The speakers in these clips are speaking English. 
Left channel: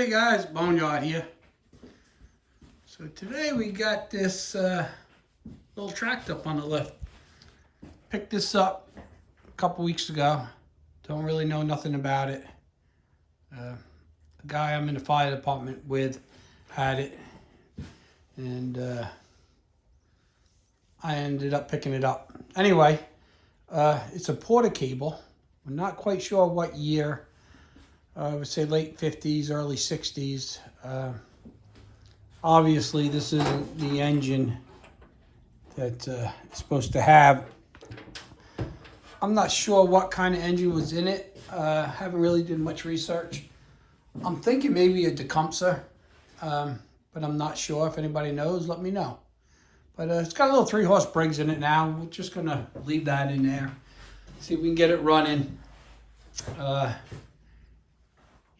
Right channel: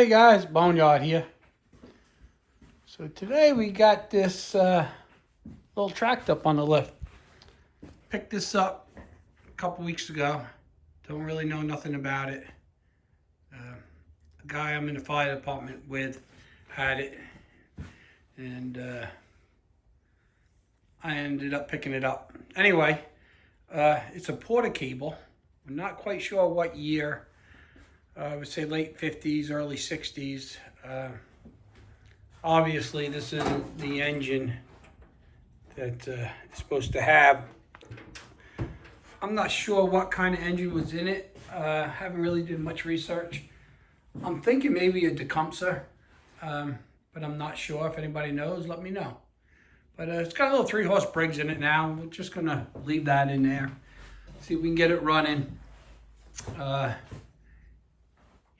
Hey guys, Boneyard here. So today we got this little tract up on the lift. Picked this up a couple weeks ago. Don't really know nothing about it. The guy I'm in the fire department with had it, and I ended up picking it up. Anyway, it's a porta cable. I'm not quite sure what year. I would say late 50s, early 60s. Obviously, this isn't the engine that it's supposed to have. I'm not sure what kind of engine was in it. Haven't really did much research. I'm thinking maybe a Tecumseh, but I'm not sure. If anybody knows, let me know. But it's got a little 3-horse Briggs in it now. We're just gonna leave that in there. See if we can get it running.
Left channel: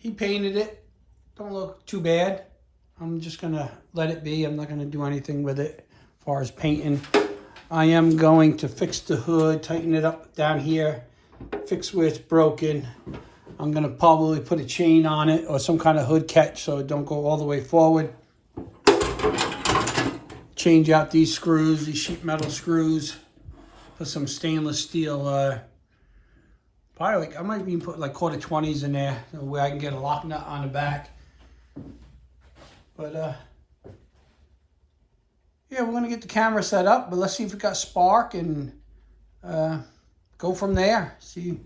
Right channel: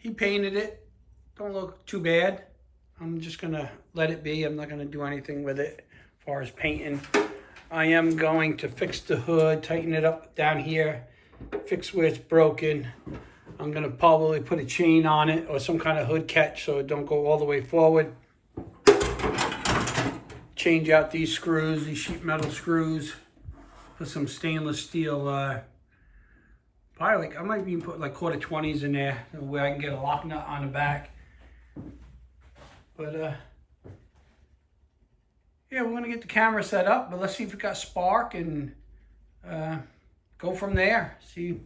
He painted it. Don't look too bad. I'm just gonna let it be. I'm not gonna do anything with it as far as painting. I am going to fix the hood, tighten it up down here, fix where it's broken. I'm gonna probably put a chain on it or some kind of hood catch so it don't go all the way forward. Change out these screws, these sheet metal screws, put some stainless steel, probably like, I might even put like quarter 20s in there where I can get a lock nut on the back. But yeah, we're gonna get the camera set up, but let's see if it got spark and go from there. See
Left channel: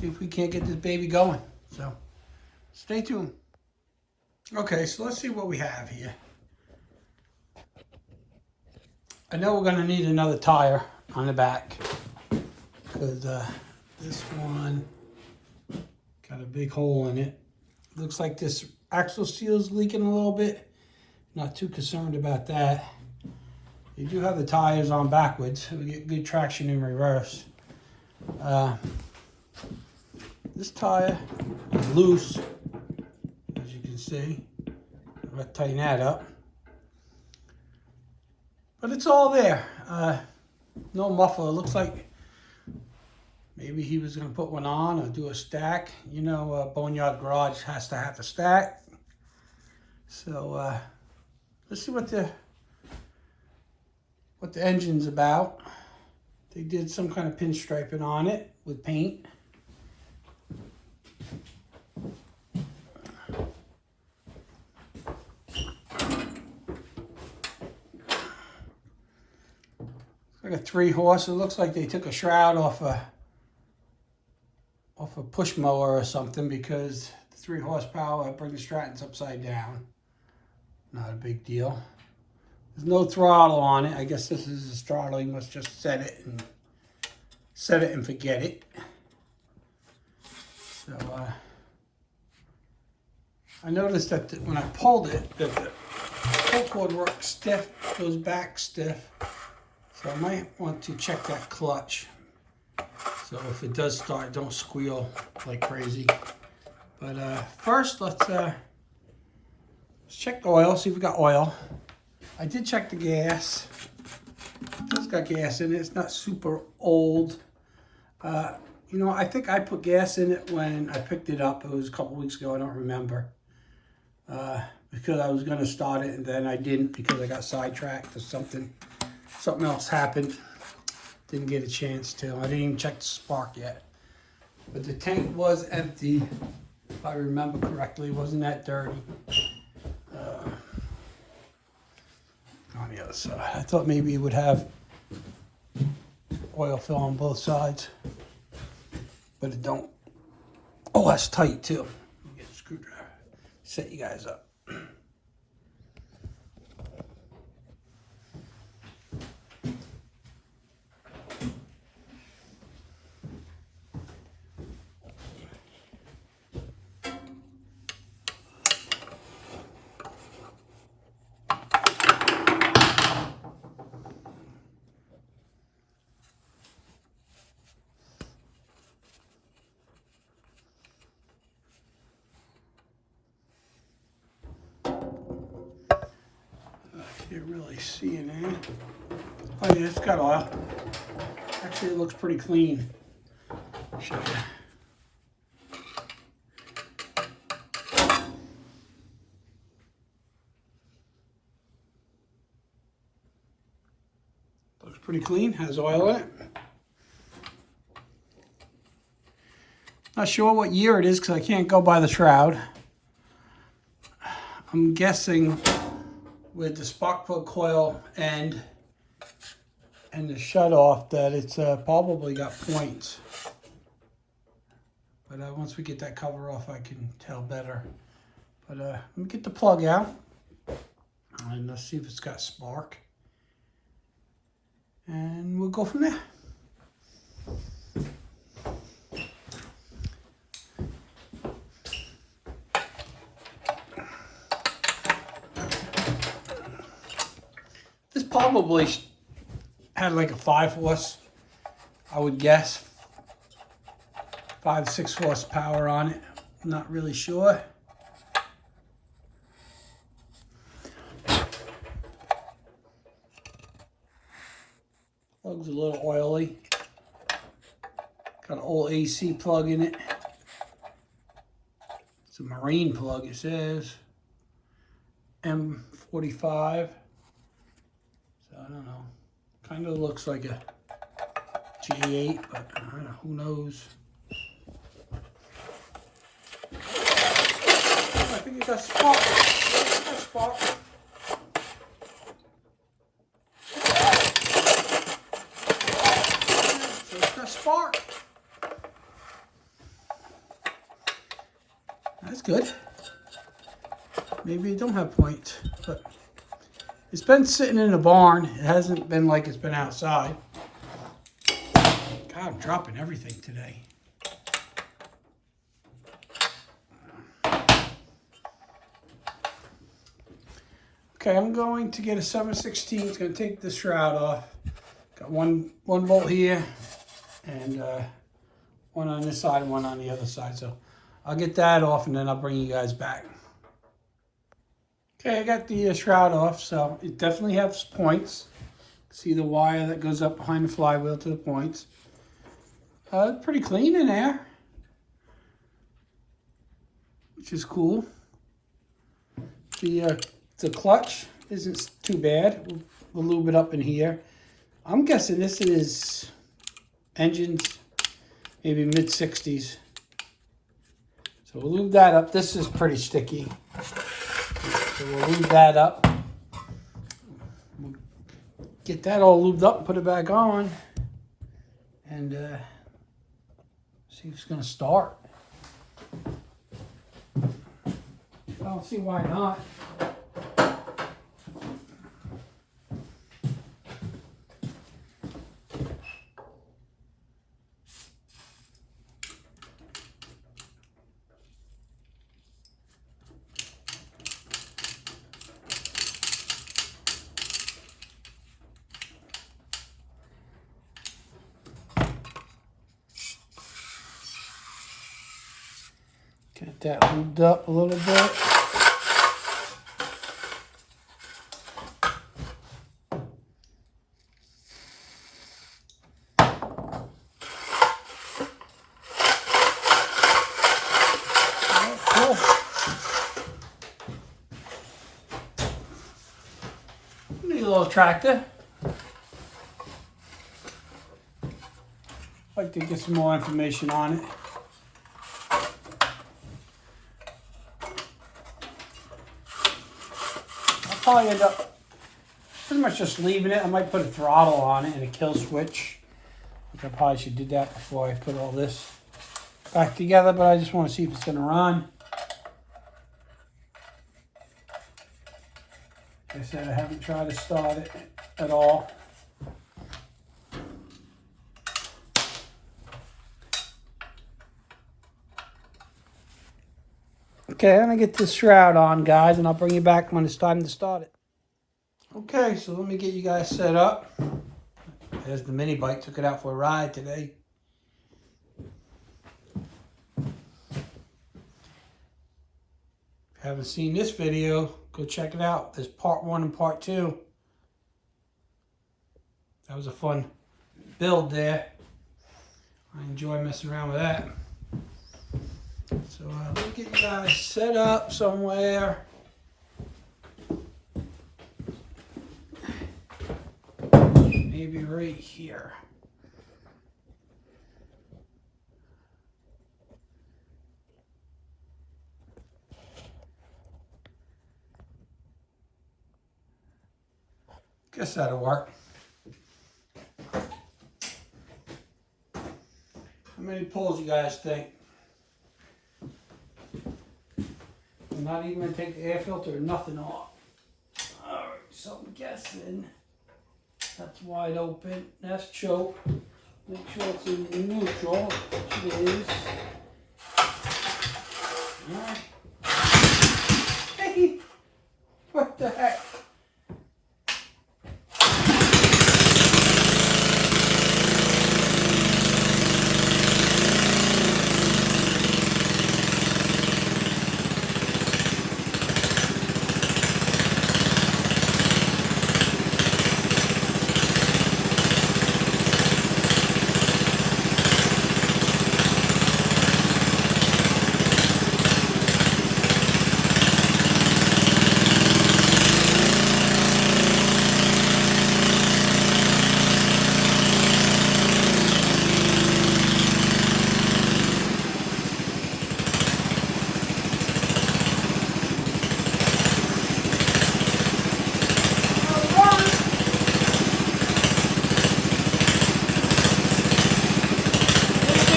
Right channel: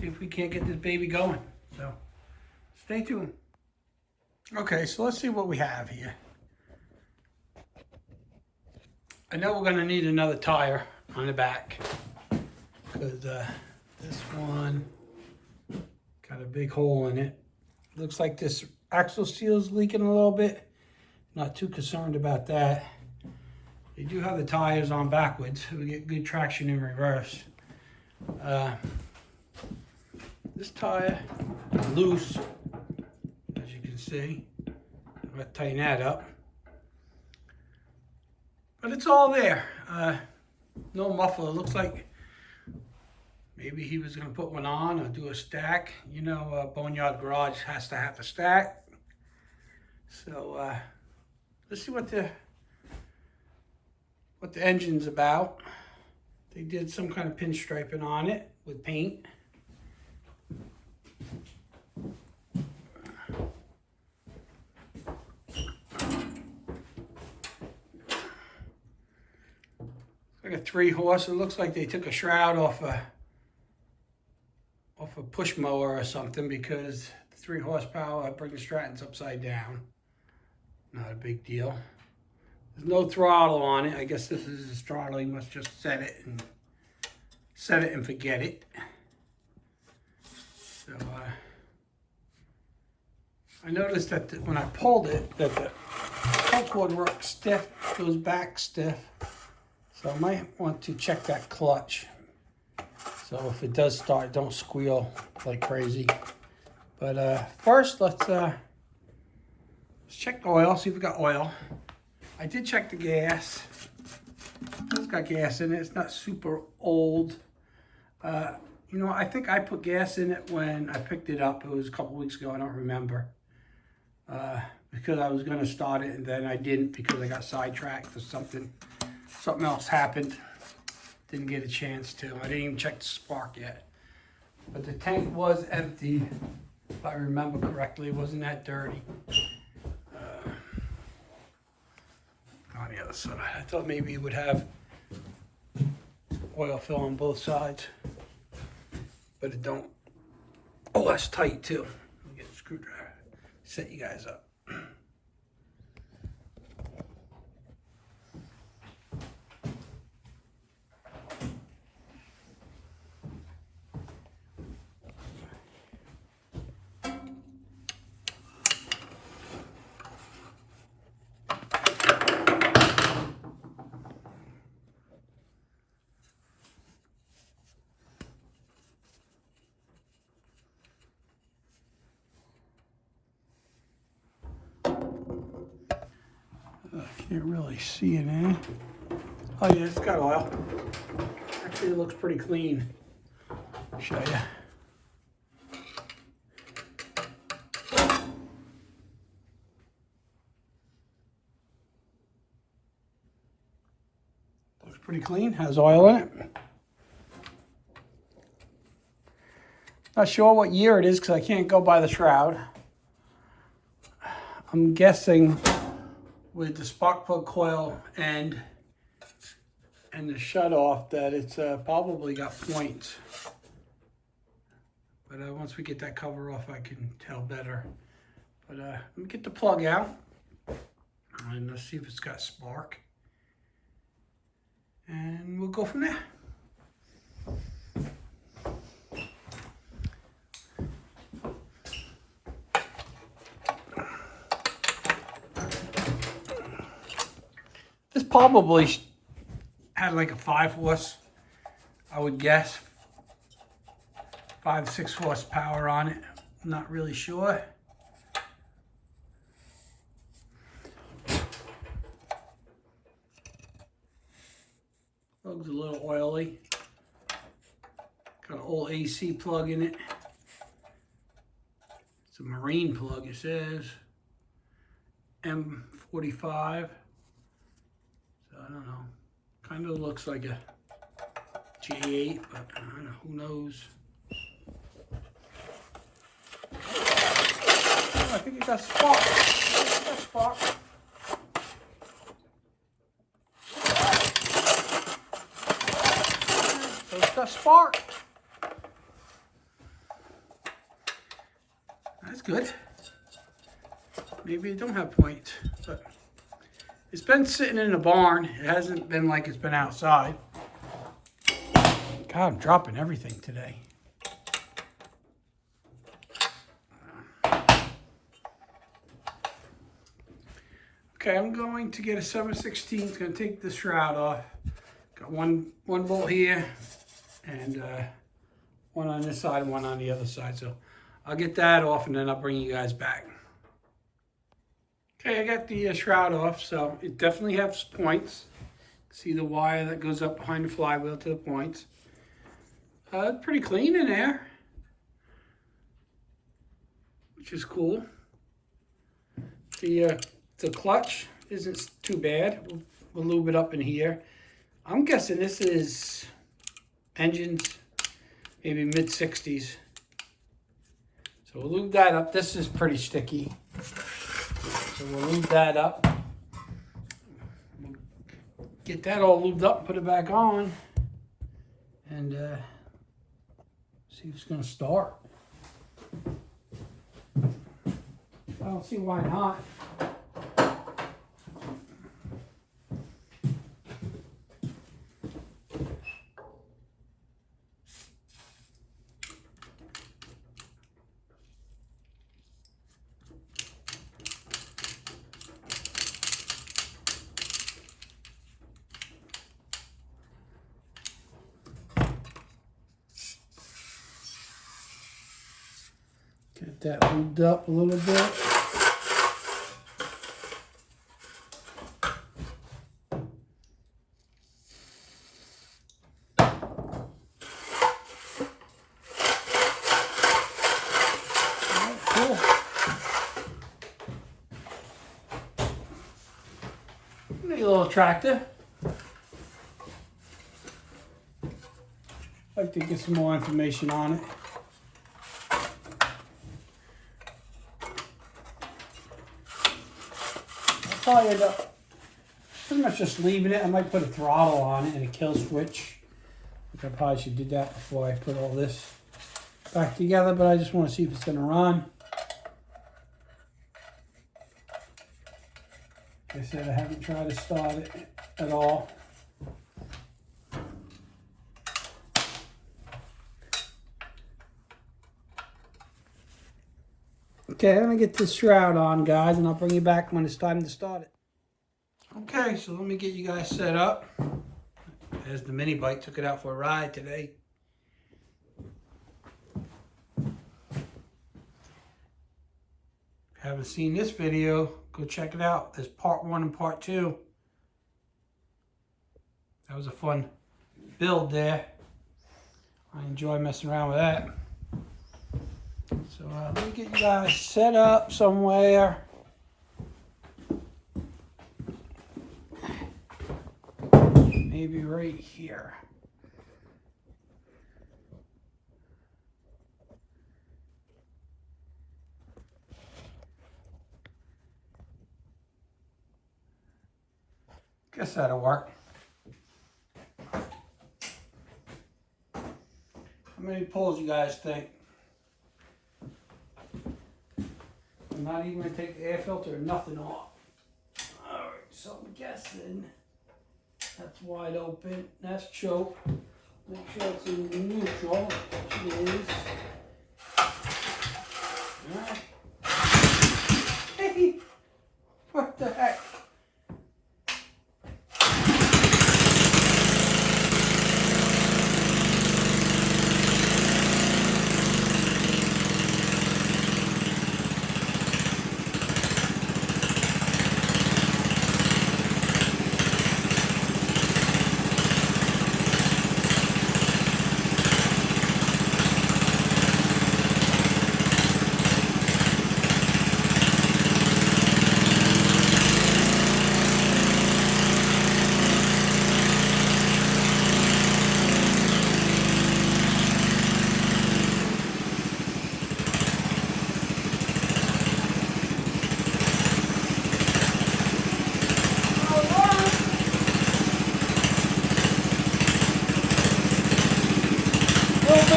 if we can't get this baby going. So stay tuned. Okay, so let's see what we have here. I know we're gonna need another tire on the back because this one got a big hole in it. Looks like this axle seal is leaking a little bit. Not too concerned about that. They do have the tires on backwards, so we get good traction in reverse. This tire is loose, as you can see. I'm gonna tighten that up. But it's all there. No muffler. It looks like maybe he was going to put one on or do a stack. You know, Boneyard Garage has to have a stack. So let's see what the engine's about. They did some kind of pinstriping on it with paint. Like a 3-horse. It looks like they took a shroud off a push mower or something, because the 3 horsepower brings Stratton's upside down. Not a big deal. There's no throttle on it. I guess this is his throttle. He must just set it and forget it. So I noticed that when I pulled it, that the pull cord works stiff, goes back stiff. So I might want to check that clutch. So if it does start, don't squeal like crazy. But first, let's check the oil, see if we got oil. I did check the gas. It's got gas in it. It's not super old. You know, I think I put gas in it when I picked it up. It was a couple weeks ago. I don't remember. Because I was going to start it and then I didn't because I got sidetracked or something. Something else happened. Didn't get a chance to. I didn't even check the spark yet. But the tank was empty, if I remember correctly. It wasn't that dirty. On the other side. I thought maybe it would have oil fill on both sides. But it don't. Oh, that's tight too. Let me get a screwdriver. Set you guys up. Can't really see it, eh? Oh yeah, it's got oil. Actually, it looks pretty clean. Show you. pretty clean, has oil in it. Not sure what year it is because I can't go by the shroud. I'm guessing with the spark plug coil and the shutoff that it's probably got points. But once we get that cover off, I can tell better. But let me get the plug out and let's see if it's got spark. And we'll go from there. This probably had like a 5-horse, I would guess. 5-6 horsepower on it. I'm not really sure. Plug's a little oily. Got an old AC plug in it. It's a marine plug, it says. M45. So I don't know. Kind of looks like a J8, but I don't know, who knows. I think it got spark. It got spark. So it's got spark. That's good. Maybe it don't have points, but it's been sitting in a barn. It hasn't been like it's been outside. God, I'm dropping everything today. Okay, I'm going to get a 7/16. It's going to take the shroud off. Got one bolt here, and one on this side and one on the other side. So I'll get that off, and then I'll bring you guys back. Okay, I got the shroud off, so it definitely has points. See the wire that goes up behind the flywheel to the points. Pretty clean in there, which is cool. The clutch isn't too bad. We'll lube it up in here. I'm guessing this is engines, maybe mid-60s. So we'll lube that up. This is pretty sticky. So we'll lube that up. We'll get that all lubed up and put it back on. And see if it's going to start. I don't see why not. Get that lubed up a little bit. Cool. Need a little tractor. I'd like to get some more information on it. Probably end up pretty much just leaving it. I might put a throttle on it and a kill switch. I probably should do that before I put all this back together, but I just want to see if it's going to run. Like I said, I haven't tried to start it at all. Okay, I'm going to get this shroud on, guys, and I'll bring you back when it's time to start it. Okay, so let me get you guys set up. There's the mini bike. Took it out for a ride today. If you haven't seen this video, go check it out. There's part 1 and part 2. That was a fun build there. I enjoy messing around with that. So let me get you guys set up somewhere. maybe right here. Guess that'll work. How many pulls you guys think? I'm not even going to take the air filter or nothing off. Alright, so I'm guessing that's wide open. That's choke. Make sure it's in neutral, which it is. Alright. Hey! What the heck?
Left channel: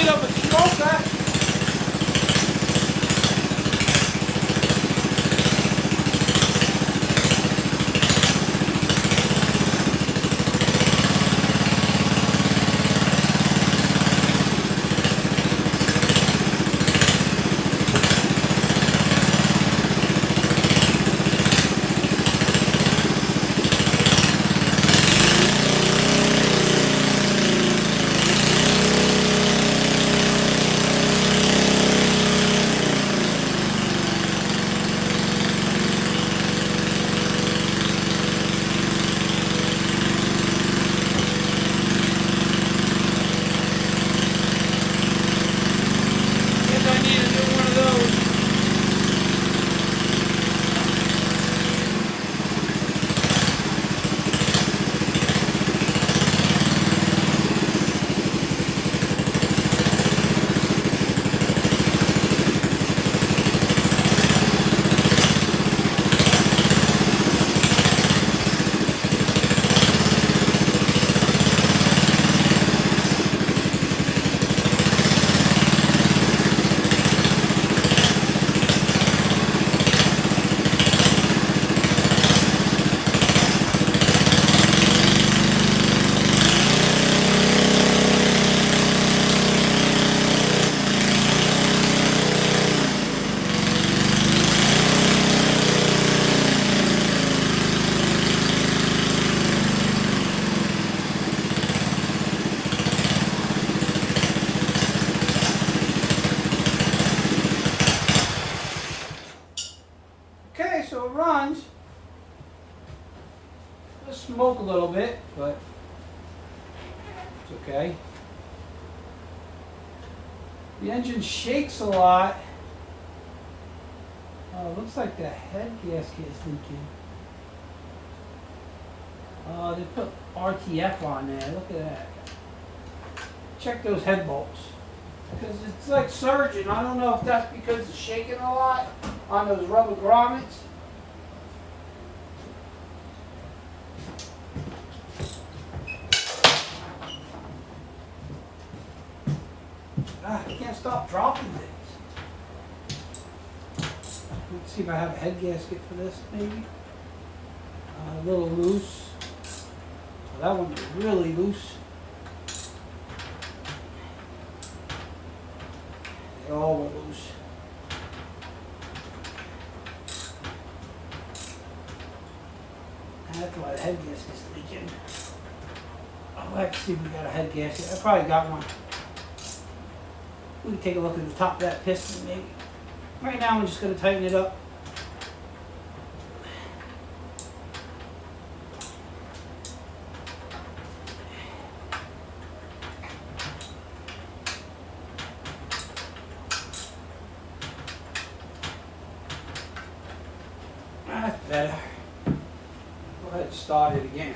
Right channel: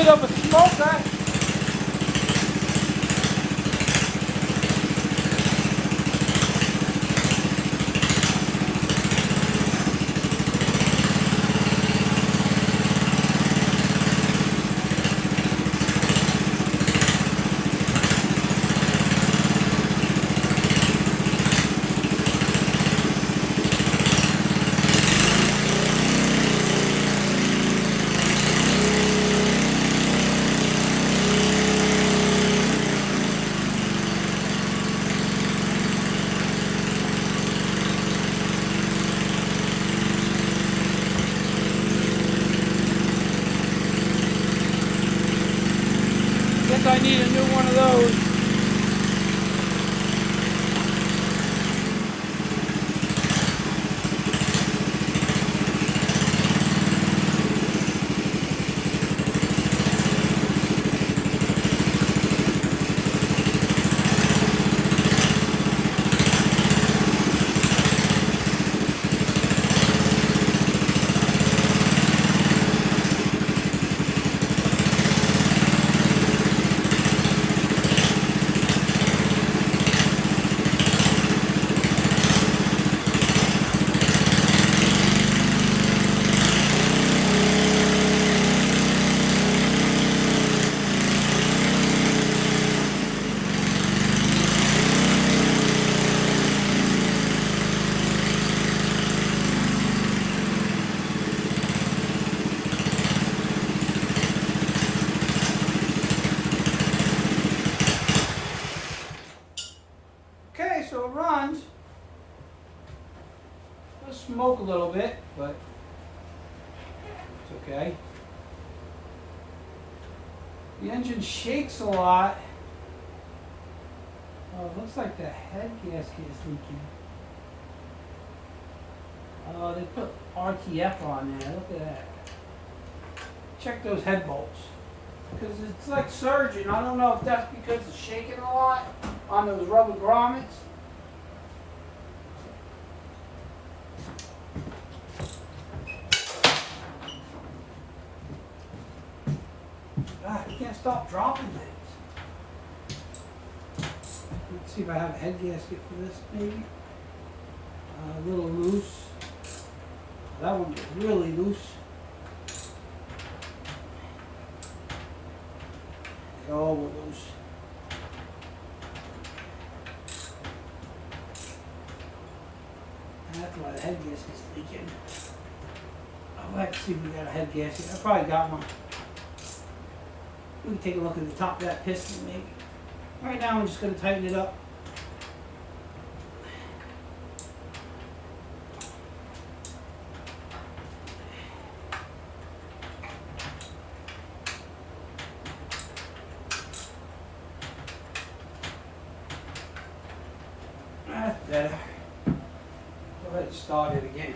Of a smoker. Okay, so it runs. It'll smoke a little bit, but it's okay. The engine shakes a lot. Oh, it looks like the head gasket is leaking. They put RTF on there. Look at that. Check those head bolts. Because it's like surging. I don't know if that's because it's shaking a lot on those rubber grommets. I can't stop dropping things. Let's see if I have a head gasket for this, maybe. A little loose. That one's really loose. They all were loose. That's why the head gasket's leaking. I'll have to see if we got a head gasket. I probably got one. We can take a look at the top of that piston, maybe. Right now, I'm just going to tighten it up. That's better. Go ahead and start it again.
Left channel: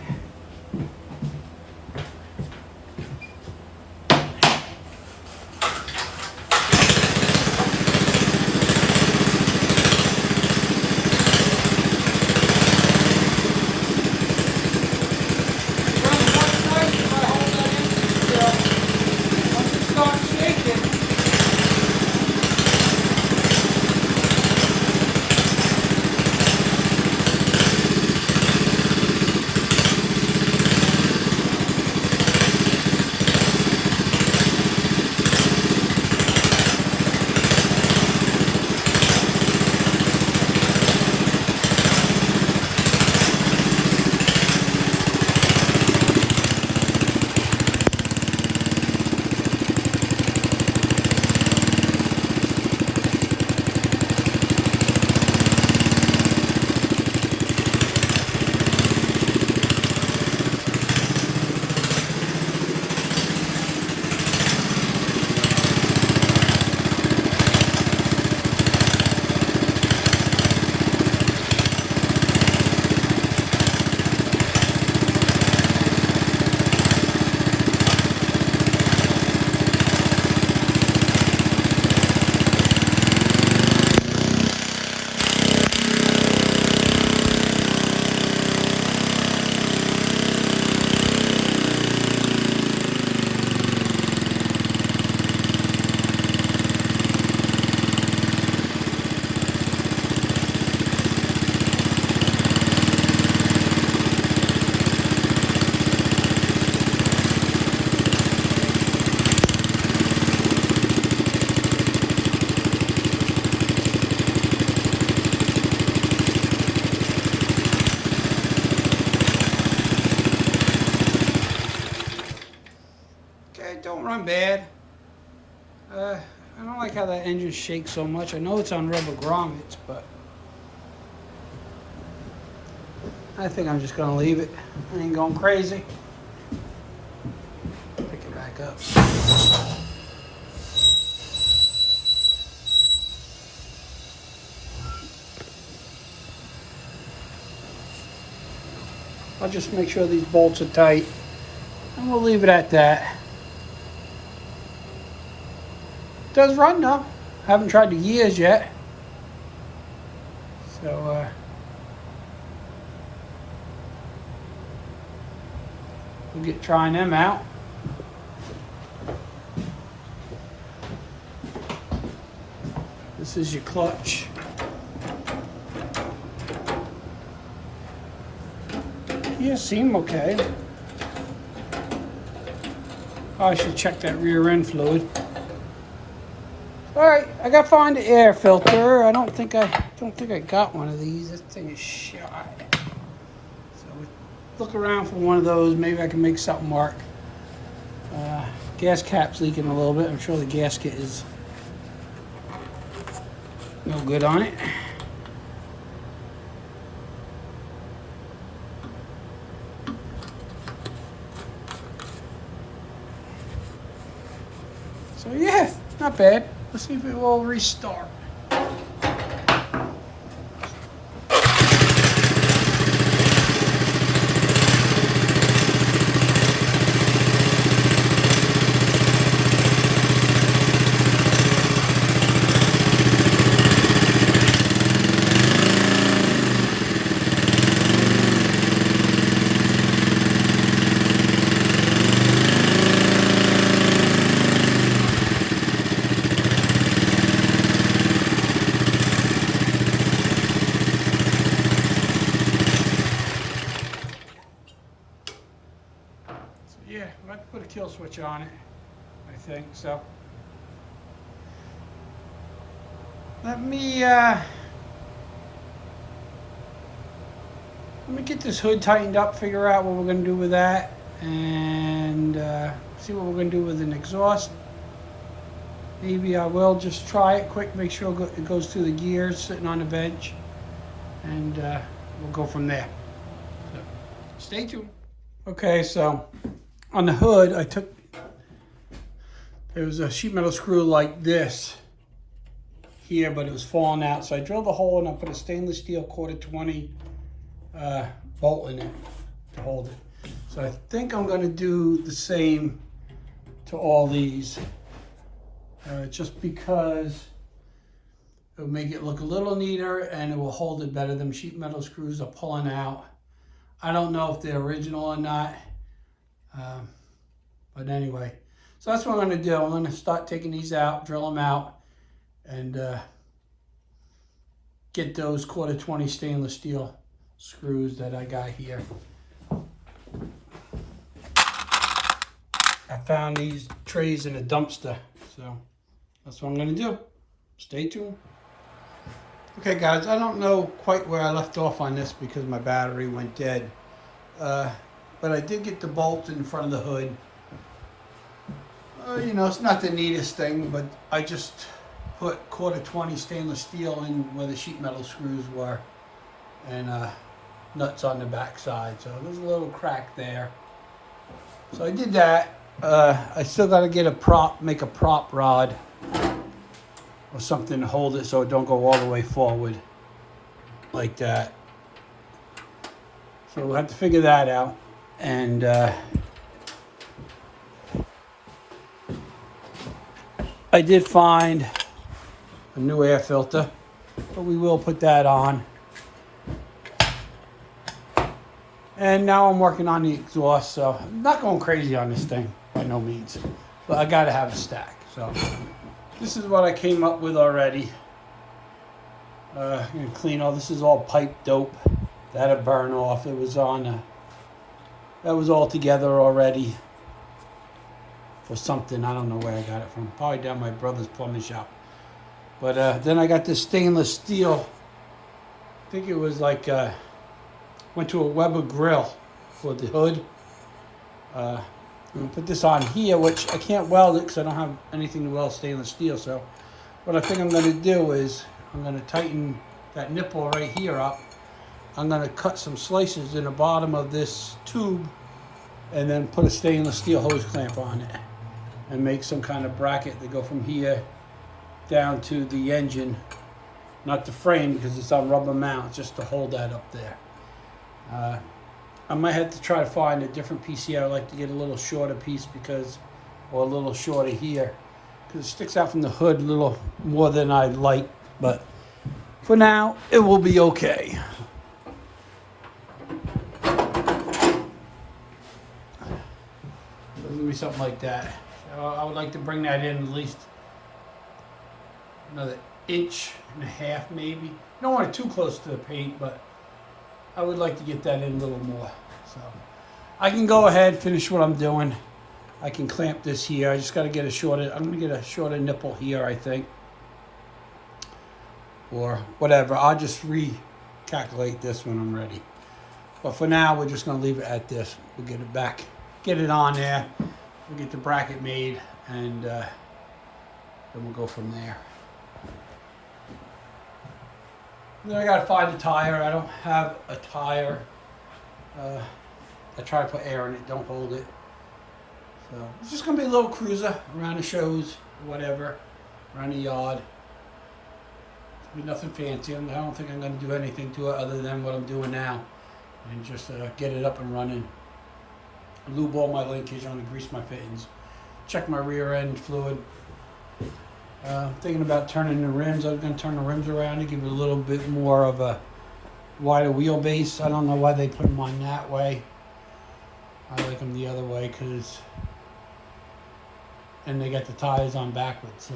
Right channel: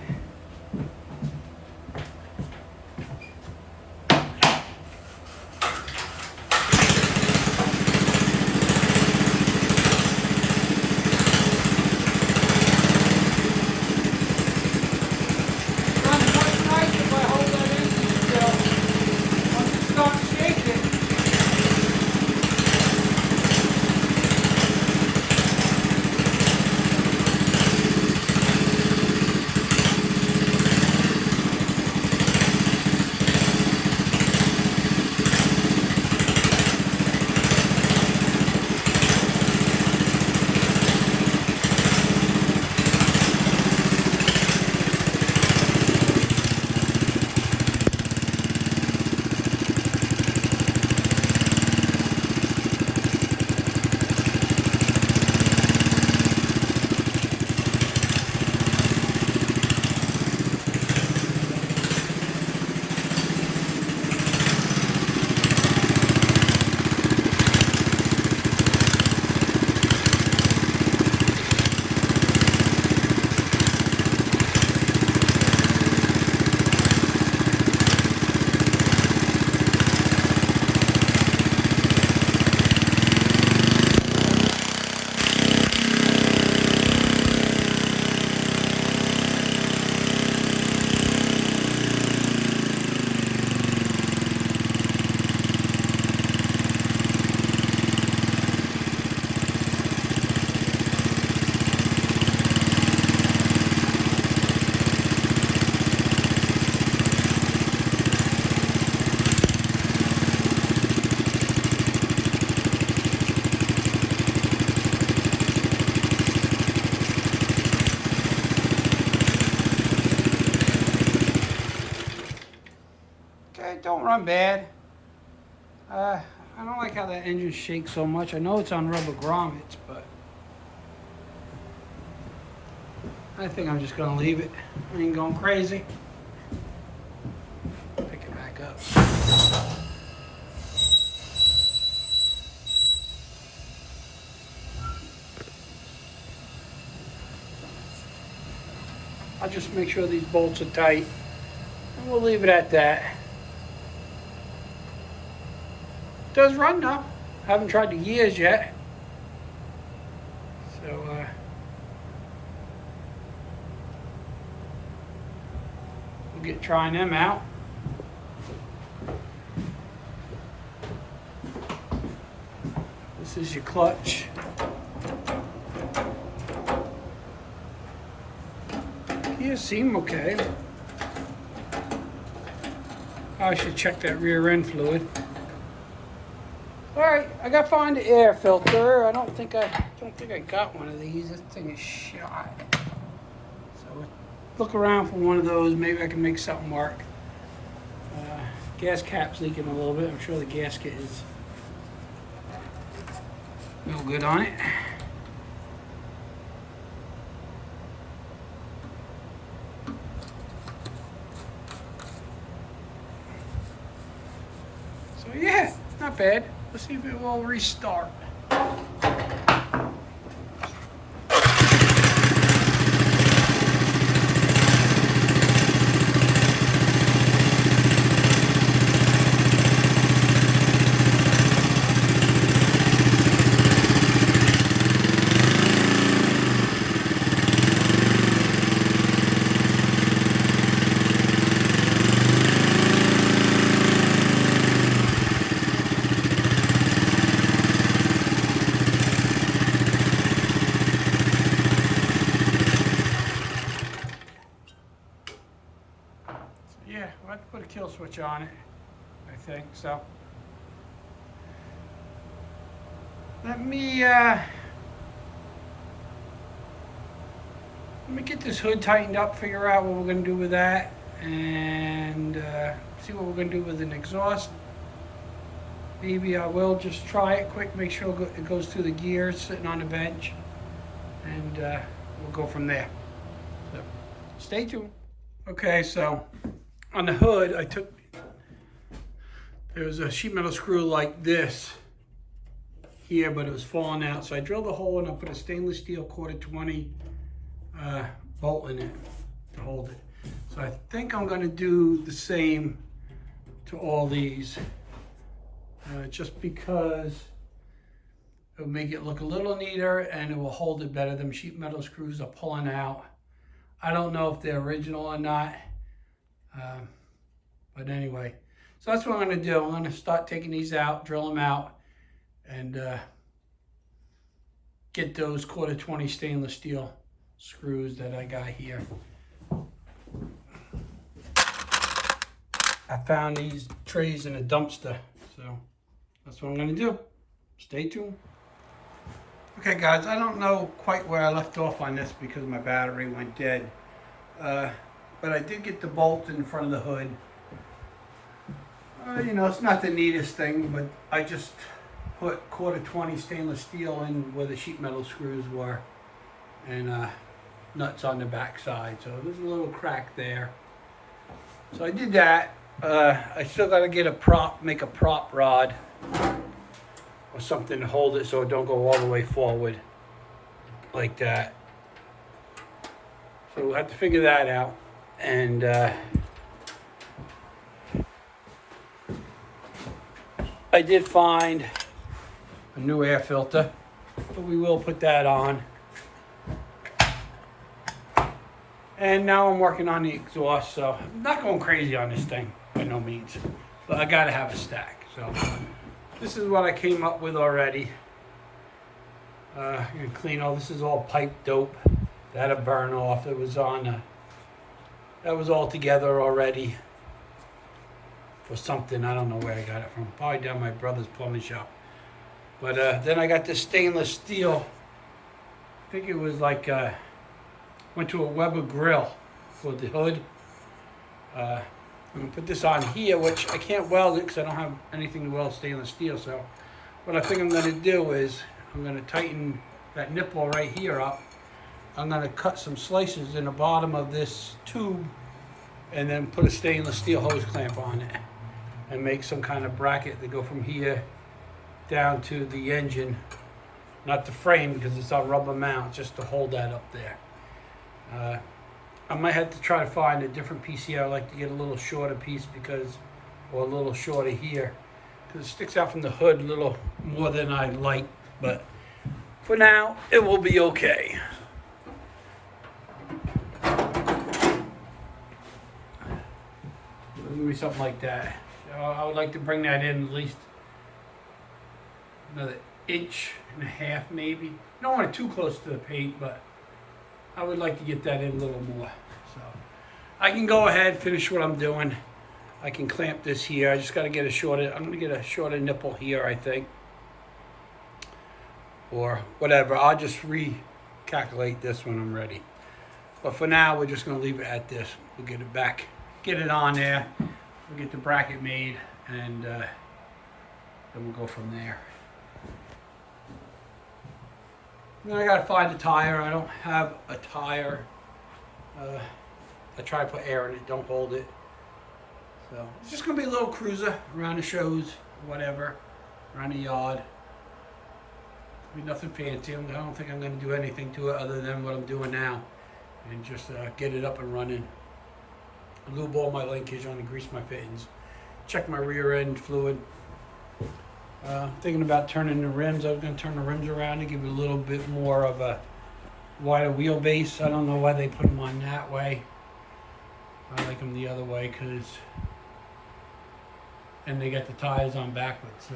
don't run bad. I don't like how that engine shakes so much. I know it's on rubber grommets, but I think I'm just gonna leave it. I ain't going crazy. Pick it back up. I'll just make sure these bolts are tight, and we'll leave it at that. It does run though. Haven't tried the gears yet. So, we'll get trying them out. This is your clutch. Yeah, seem okay. Oh, I should check that rear end fluid. All right, I got to find the air filter. I don't think I got one of these. This thing is shot. So look around for one of those. Maybe I can make something work. Gas cap's leaking a little bit. I'm sure the gasket is no good on it. So yeah, not bad. Let's see if it will restart. Yeah, I have to put a kill switch on it, I think, so. Let me get this hood tightened up, figure out what we're gonna do with that, and see what we're gonna do with an exhaust. Maybe I will just try it quick, make sure it goes through the gears sitting on the bench, and we'll go from there. So, stay tuned. Okay, so on the hood, there was a sheet metal screw like this here, but it was falling out. So I drilled a hole and I put a stainless steel 1/4-20 bolt in it to hold it. So I think I'm gonna do the same to all these, just because it'll make it look a little neater and it will hold it better. Them sheet metal screws are pulling out. I don't know if they're original or not. But anyway, so that's what I'm going to do. I'm going to start taking these out, drill them out, and get those 1/4-20 stainless steel screws that I got here. I found these trays in a dumpster, so that's what I'm going to do. Stay tuned. Okay guys, I don't know quite where I left off on this because my battery went dead. But I did get the bolt in front of the hood. You know, it's not the neatest thing, but I just put 1/4-20 stainless steel in where the sheet metal screws were, and nuts on the back side. So there's a little crack there. So I did that. I still got to get make a prop rod or something to hold it so it don't go all the way forward like that. So we'll have to figure that out. And I did find a new air filter, but we will put that on. And now I'm working on the exhaust, so I'm not going crazy on this thing by no means, but I gotta have a stack. So this is what I came up with already. I'm gonna clean all this. Is all pipe dope. That'll burn off. It was on. That was all together already for something. I don't know where I got it from. Probably down my brother's plumbing shop. But then I got this stainless steel. I think it was like went to a Weber grill for the hood. I'm gonna put this on here, which I can't weld it because I don't have anything to weld stainless steel. So what I think I'm gonna do is I'm gonna tighten that nipple right here up. I'm gonna cut some slices in the bottom of this tube and then put a stainless steel hose clamp on it and make some kind of bracket to go from here down to the engine. Not the frame because it's on rubber mount, just to hold that up there. I might have to try to find a different piece here. I like to get a little shorter piece or a little shorter here, because it sticks out from the hood a little more than I'd like, but for now, it will be okay. It'll be something like that. So I would like to bring that in at least another 1.5 inches maybe. You don't want it too close to the paint, but I would like to get that in a little more. So I can go ahead, finish what I'm doing. I can clamp this here. I just got to get a shorter, I'm going to get a shorter nipple here, I think. Or whatever. I'll just recalculate this when I'm ready. But for now, we're just going to leave it at this. We'll get it back, get it on there. We'll get the bracket made, and then we'll go from there. And then I gotta find a tire. I don't have a tire. I try to put air in it, don't hold it. So it's just gonna be a little cruiser around the shows, whatever, around the yard. Be nothing fancy. I don't think I'm gonna do anything to it other than what I'm doing now, and just get it up and running. Lube all my linkage, only grease my fittings, check my rear end fluid. Thinking about turning the rims. I'm going to turn the rims around to give it a little bit more of a wider wheelbase. I don't know why they put them on that way. I like them the other way because, and they got the tires on backwards. So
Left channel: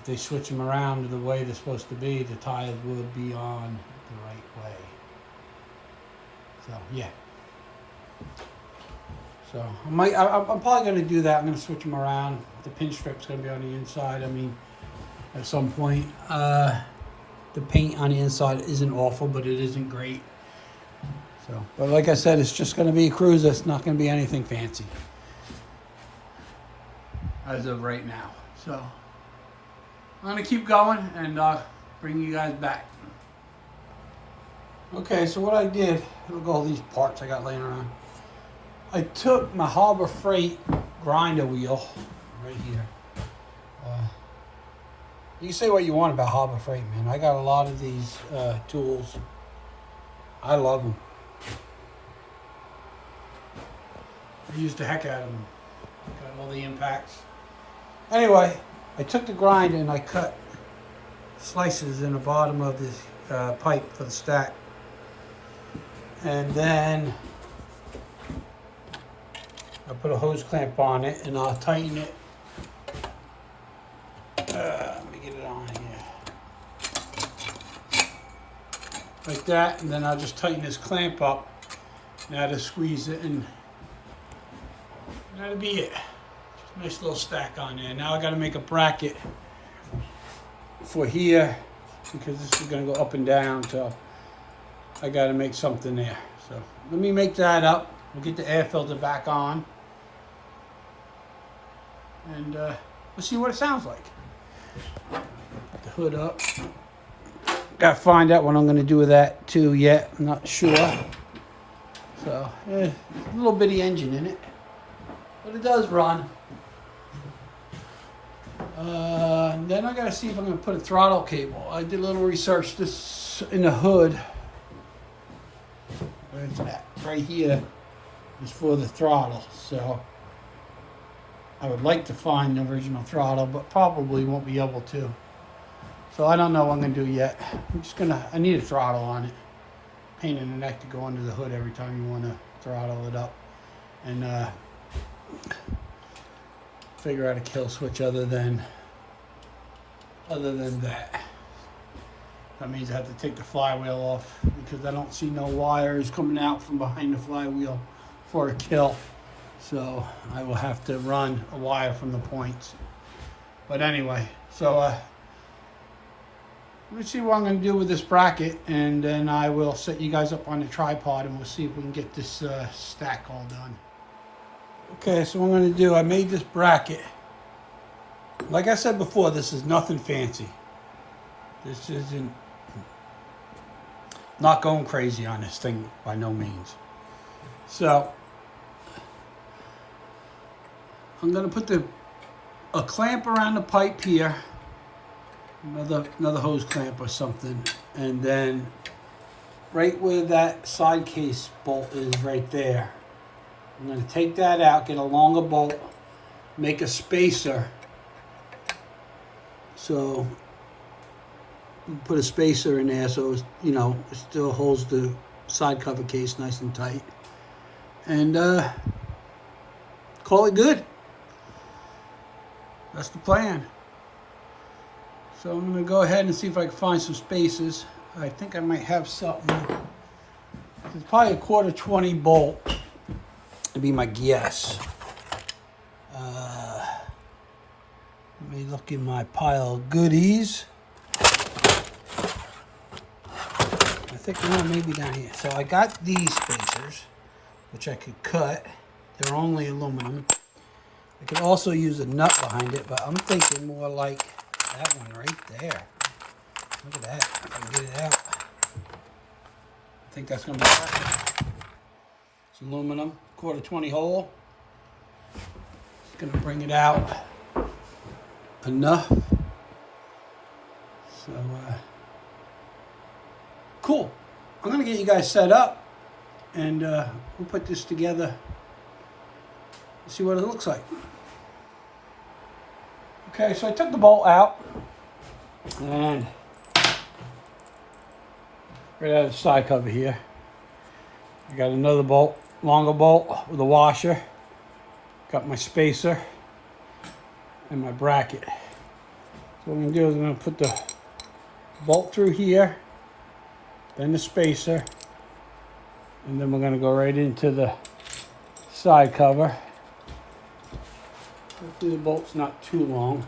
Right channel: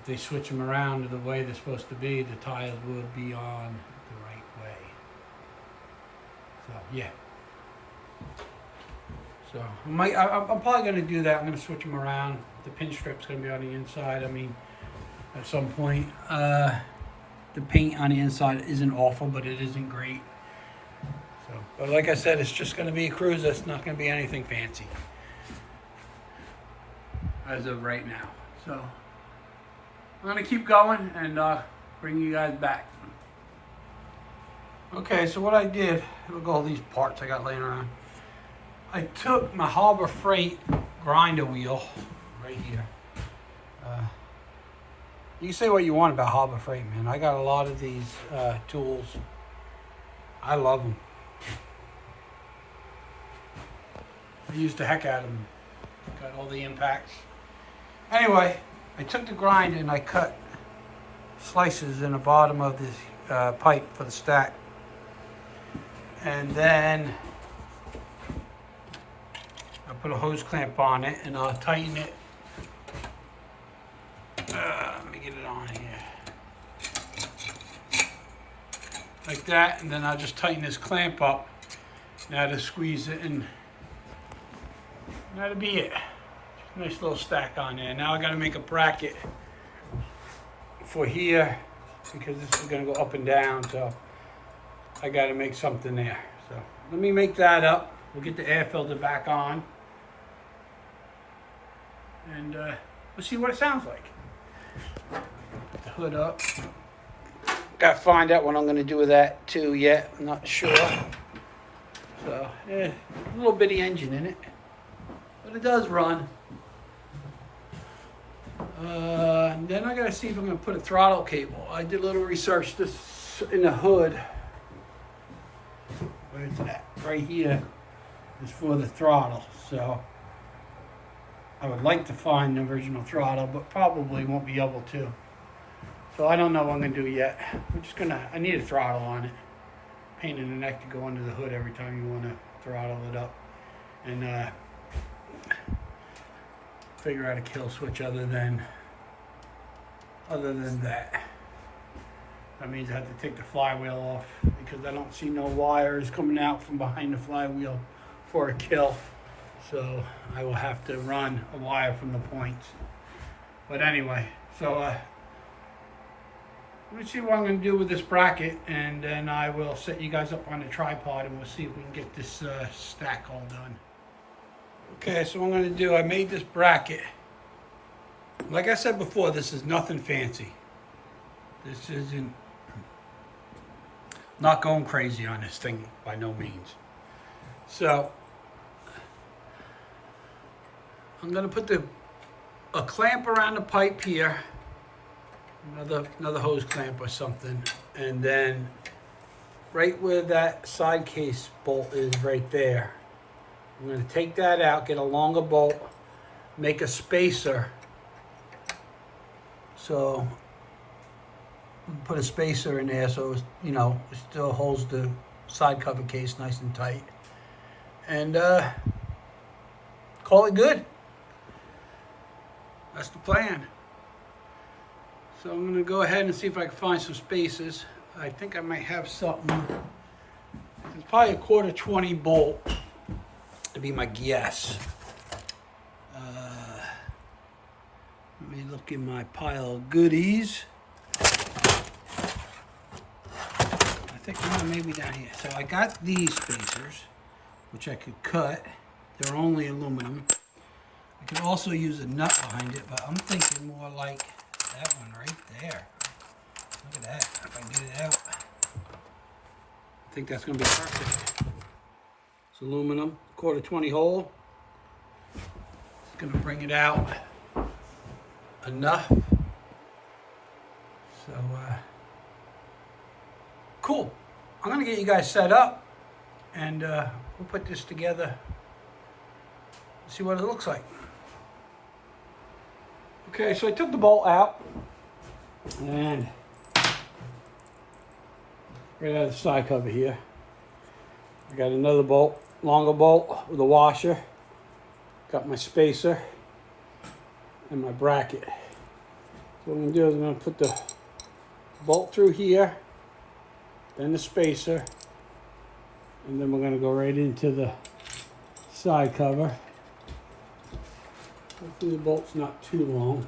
if they switch them around to the way they're supposed to be, the tires will be on the right way. So yeah. So I'm probably going to do that. I'm going to switch them around. The pin strip's going to be on the inside. I mean, at some point, the paint on the inside isn't awful, but it isn't great. So, but like I said, it's just going to be a cruiser. It's not going to be anything fancy as of right now. So I'm going to keep going and bring you guys back. Okay, so what I did, look at all these parts I got laying around. I took my Harbor Freight grinder wheel right here. You can say what you want about Harbor Freight, man. I got a lot of these tools. I love them. I use the heck out of them. Got all the impacts. Anyway, I took the grinder and I cut slices in the bottom of this pipe for the stack. And then I put a hose clamp on it and I'll tighten it. Let me get it on here. Like that, and then I'll just tighten this clamp up. Now to squeeze it, and that'll be it. Nice little stack on there. Now I gotta make a bracket for here because this is gonna go up and down, so I gotta make something there. So let me make that up. We'll get the air filter back on, and we'll see what it sounds like. Put the hood up. Gotta find out what I'm gonna do with that too yet. I'm not sure. So, a little bitty engine in it, but it does run. Then I gotta see if I'm gonna put a throttle cable. I did a little research. This in the hood. Where's that? Right here is for the throttle. So I would like to find the original throttle, but probably won't be able to. So I don't know what I'm gonna do yet. I need a throttle on it. Pain in the neck to go under the hood every time you wanna throttle it up. And figure out a kill switch other than that. That means I have to take the flywheel off because I don't see no wires coming out from behind the flywheel for a kill. So I will have to run a wire from the points. But anyway, so let me see what I'm going to do with this bracket, and then I will set you guys up on the tripod and we'll see if we can get this stack all done. Okay, so what I'm going to do, I made this bracket. Like I said before, this is nothing fancy. This isn't, not going crazy on this thing by no means. So, I'm going to put a clamp around the pipe here, another hose clamp or something, and then right where that side case bolt is right there, I'm going to take that out, get a longer bolt, make a spacer. So put a spacer in there so it's, you know, it still holds the side cover case nice and tight. And call it good. That's the plan. So I'm going to go ahead and see if I can find some spacers. I think I might have something. It's probably a 1/4 bolt to be my guess. Let me look in my pile of goodies. I think maybe down here. So I got these spacers, which I could cut. They're only aluminum. I could also use a nut behind it, but I'm thinking more like that one right there. Look at that. If I can get it out, I think that's going to be perfect. It's aluminum, 1/4 hole. It's going to bring it out enough. So, cool. I'm going to get you guys set up, and we'll put this together and see what it looks like. Okay, so I took the bolt out, and right out of the side cover here, I got another bolt, longer bolt with a washer. Got my spacer and my bracket. So what I'm going to do is I'm going to put the bolt through here, then the spacer, and then we're going to go right into the side cover. Hopefully the bolt's not too long.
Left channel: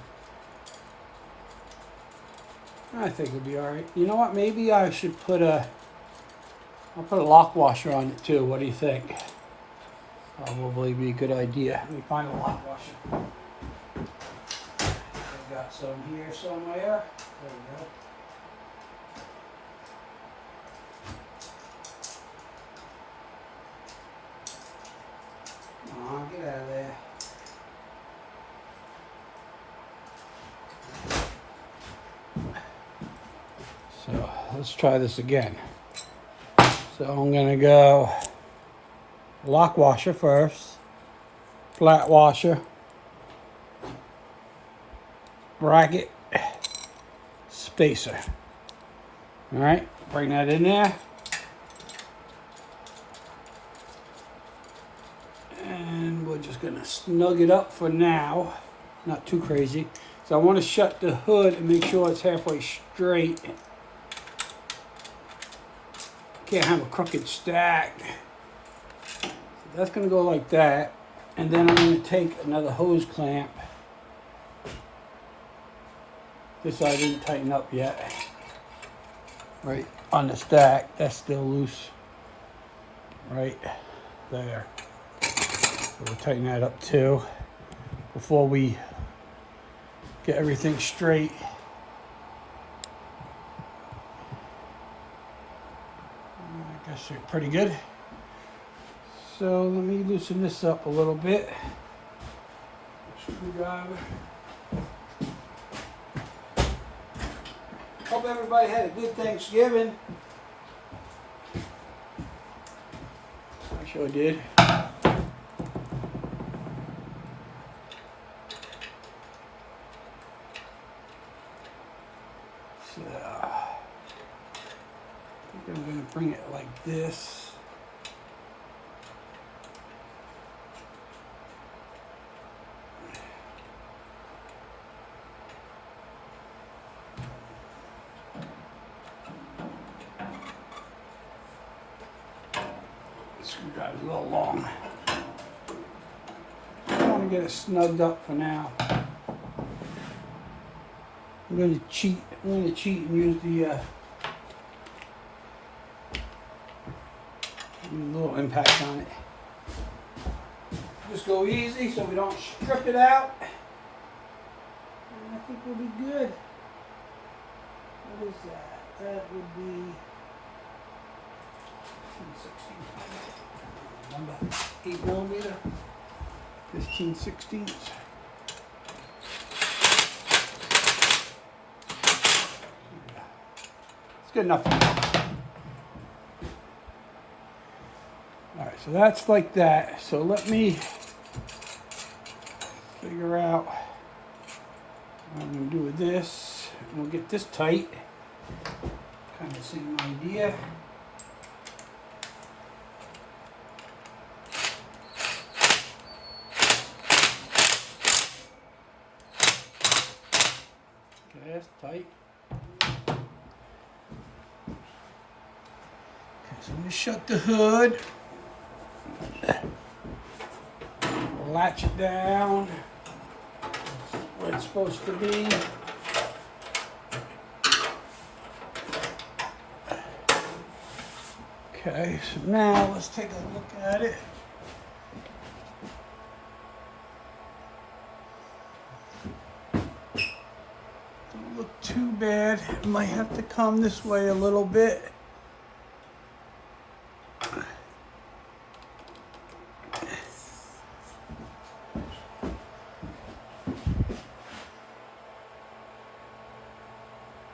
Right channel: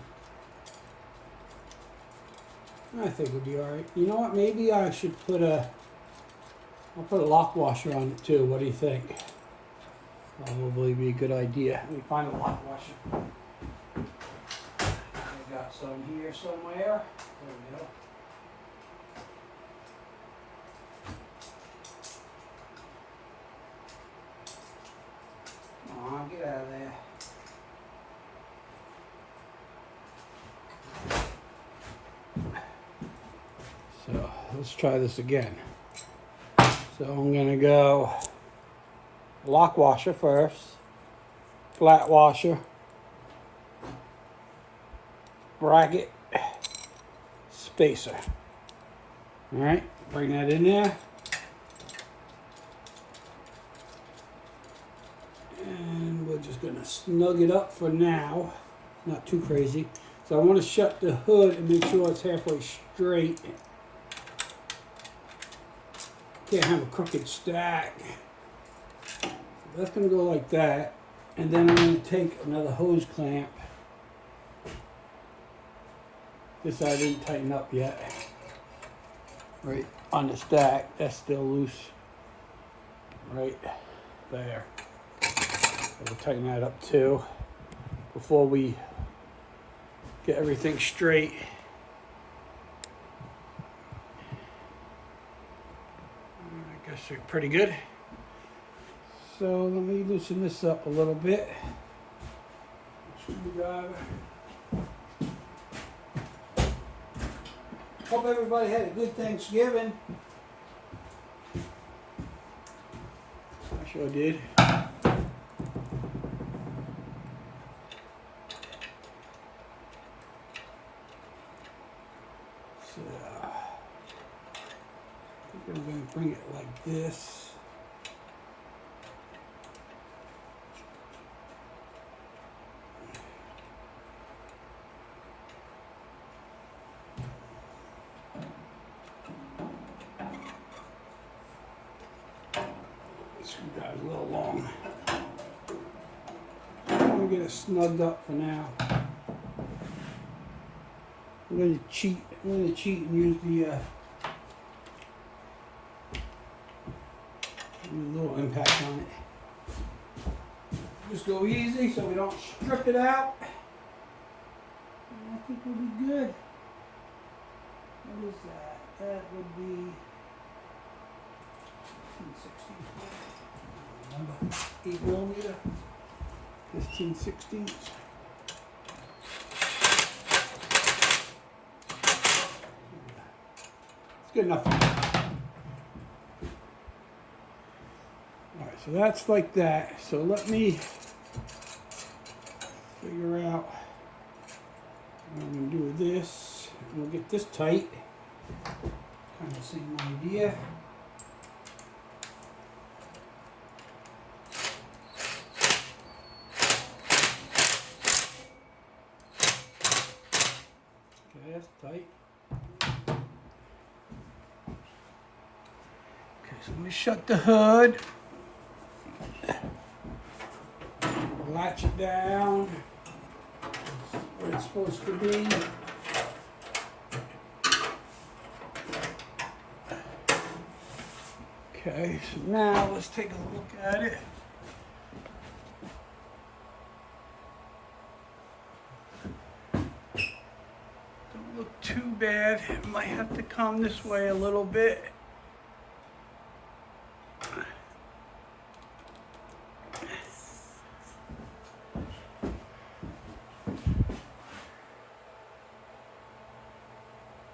I think it'll be alright. You know what, maybe I should put I'll put a lock washer on it too. What do you think? Probably be a good idea. Let me find a lock washer. I got some here somewhere. There we go. Come on, get out of there. So let's try this again. So I'm gonna go lock washer first, flat washer, bracket, spacer. All right, bring that in there. And we're just gonna snug it up for now, not too crazy. So I want to shut the hood and make sure it's halfway straight. Can't have a crooked stack. So that's going to go like that. And then I'm going to take another hose clamp. This I didn't tighten up yet. Right on the stack. That's still loose. Right there. So we'll tighten that up too before we get everything straight. I guess they're pretty good. So let me loosen this up a little bit. Screwdriver. Hope everybody had a good Thanksgiving. I sure did. So, I think I'm going to bring it like this. Screwdriver's a little long. I'm going to get it snugged up for now. I'm going to cheat and use the a little impact on it. Just go easy so we don't strip it out. And I think we'll be good. What is that? That would be 16. Remember, 8mm, 15/16. It's good enough. All right, so that's like that. So let me figure out what I'm going to do with this. And we'll get this tight. Kind of the same idea. Okay, that's tight. Okay, so I'm going to shut the hood. Latch it down where it's supposed to be. Okay, so now let's take a look at it. Don't look too bad. It might have to come this way a little bit.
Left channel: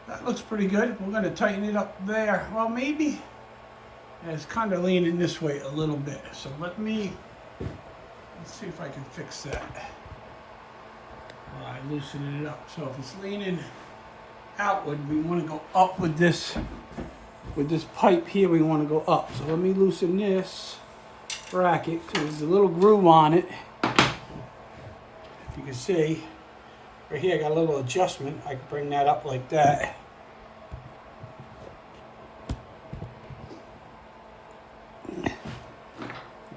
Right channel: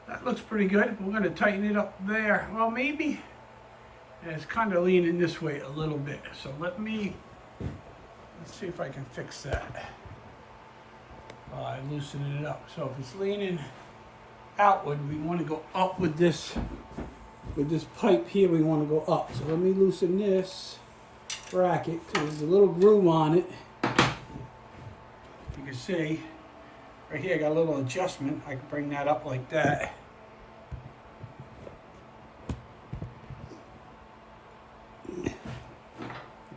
That looks pretty good. We're going to tighten it up there. Well, maybe it's kind of leaning this way a little bit. So let's see if I can fix that. All right, loosening it up. So if it's leaning outward, we want to go up with this pipe here. We want to go up. So let me loosen this bracket. So there's a little groove on it. You can see right here I got a little adjustment. I can bring that up like that.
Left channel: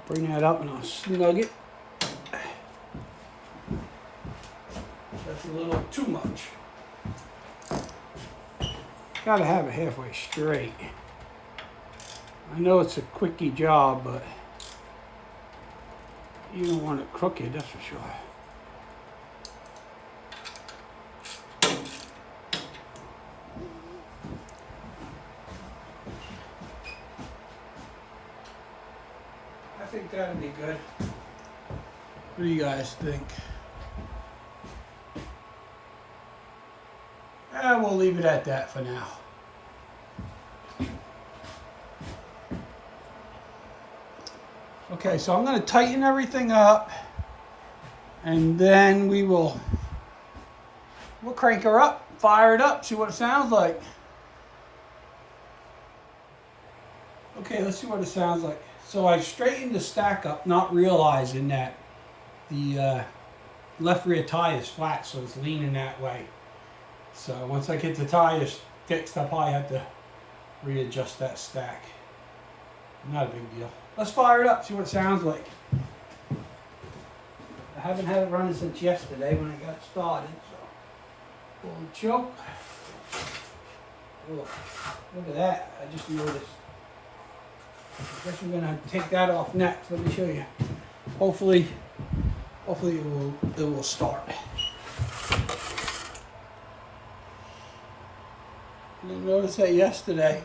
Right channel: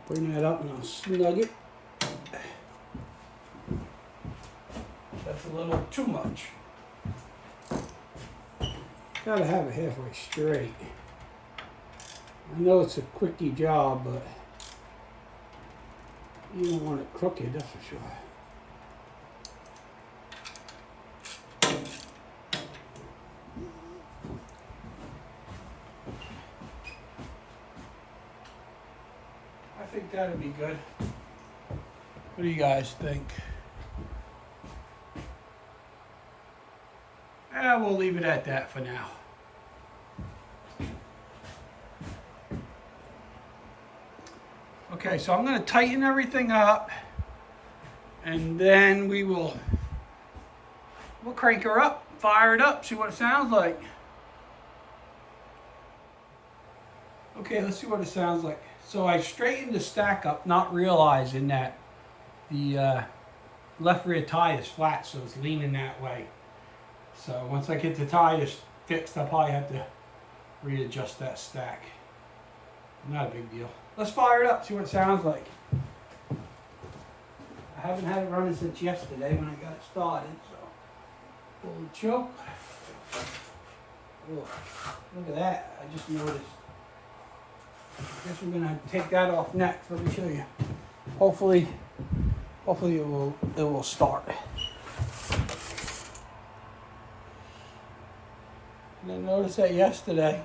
Bring that up and I'll snug it. That's a little too much. Gotta have it halfway straight. I know it's a quickie job, but you don't want it crooked, that's for sure. I think that'd be good. What do you guys think? We'll leave it at that for now. Okay, so I'm going to tighten everything up, and then we'll crank her up, fire it up, see what it sounds like. Okay, let's see what it sounds like. So I straightened the stack up, not realizing that the left rear tire is flat, so it's leaning that way. So once I get the tires fixed, I'll probably have to readjust that stack. Not a big deal. Let's fire it up, see what it sounds like. I haven't had it running since yesterday when I got it started, so pull the choke. Ugh, look at that, I just noticed. I guess we're gonna take that off next. Let me show you. Hopefully it will start. I didn't notice that yesterday.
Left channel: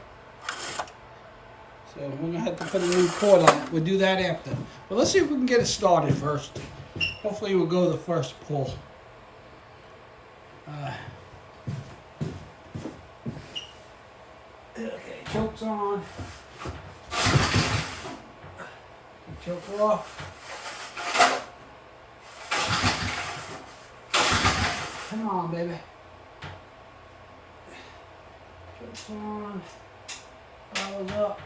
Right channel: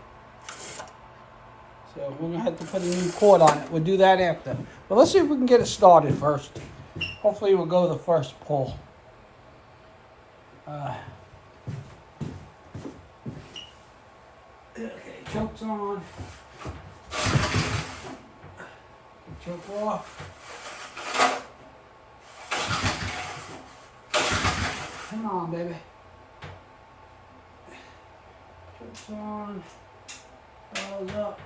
So we're gonna have to put a new cord on it. We'll do that after. But let's see if we can get it started first. Hopefully we'll go the first pull. Okay, choke's on. Choke off. Come on, baby. Choke's on. Follows up.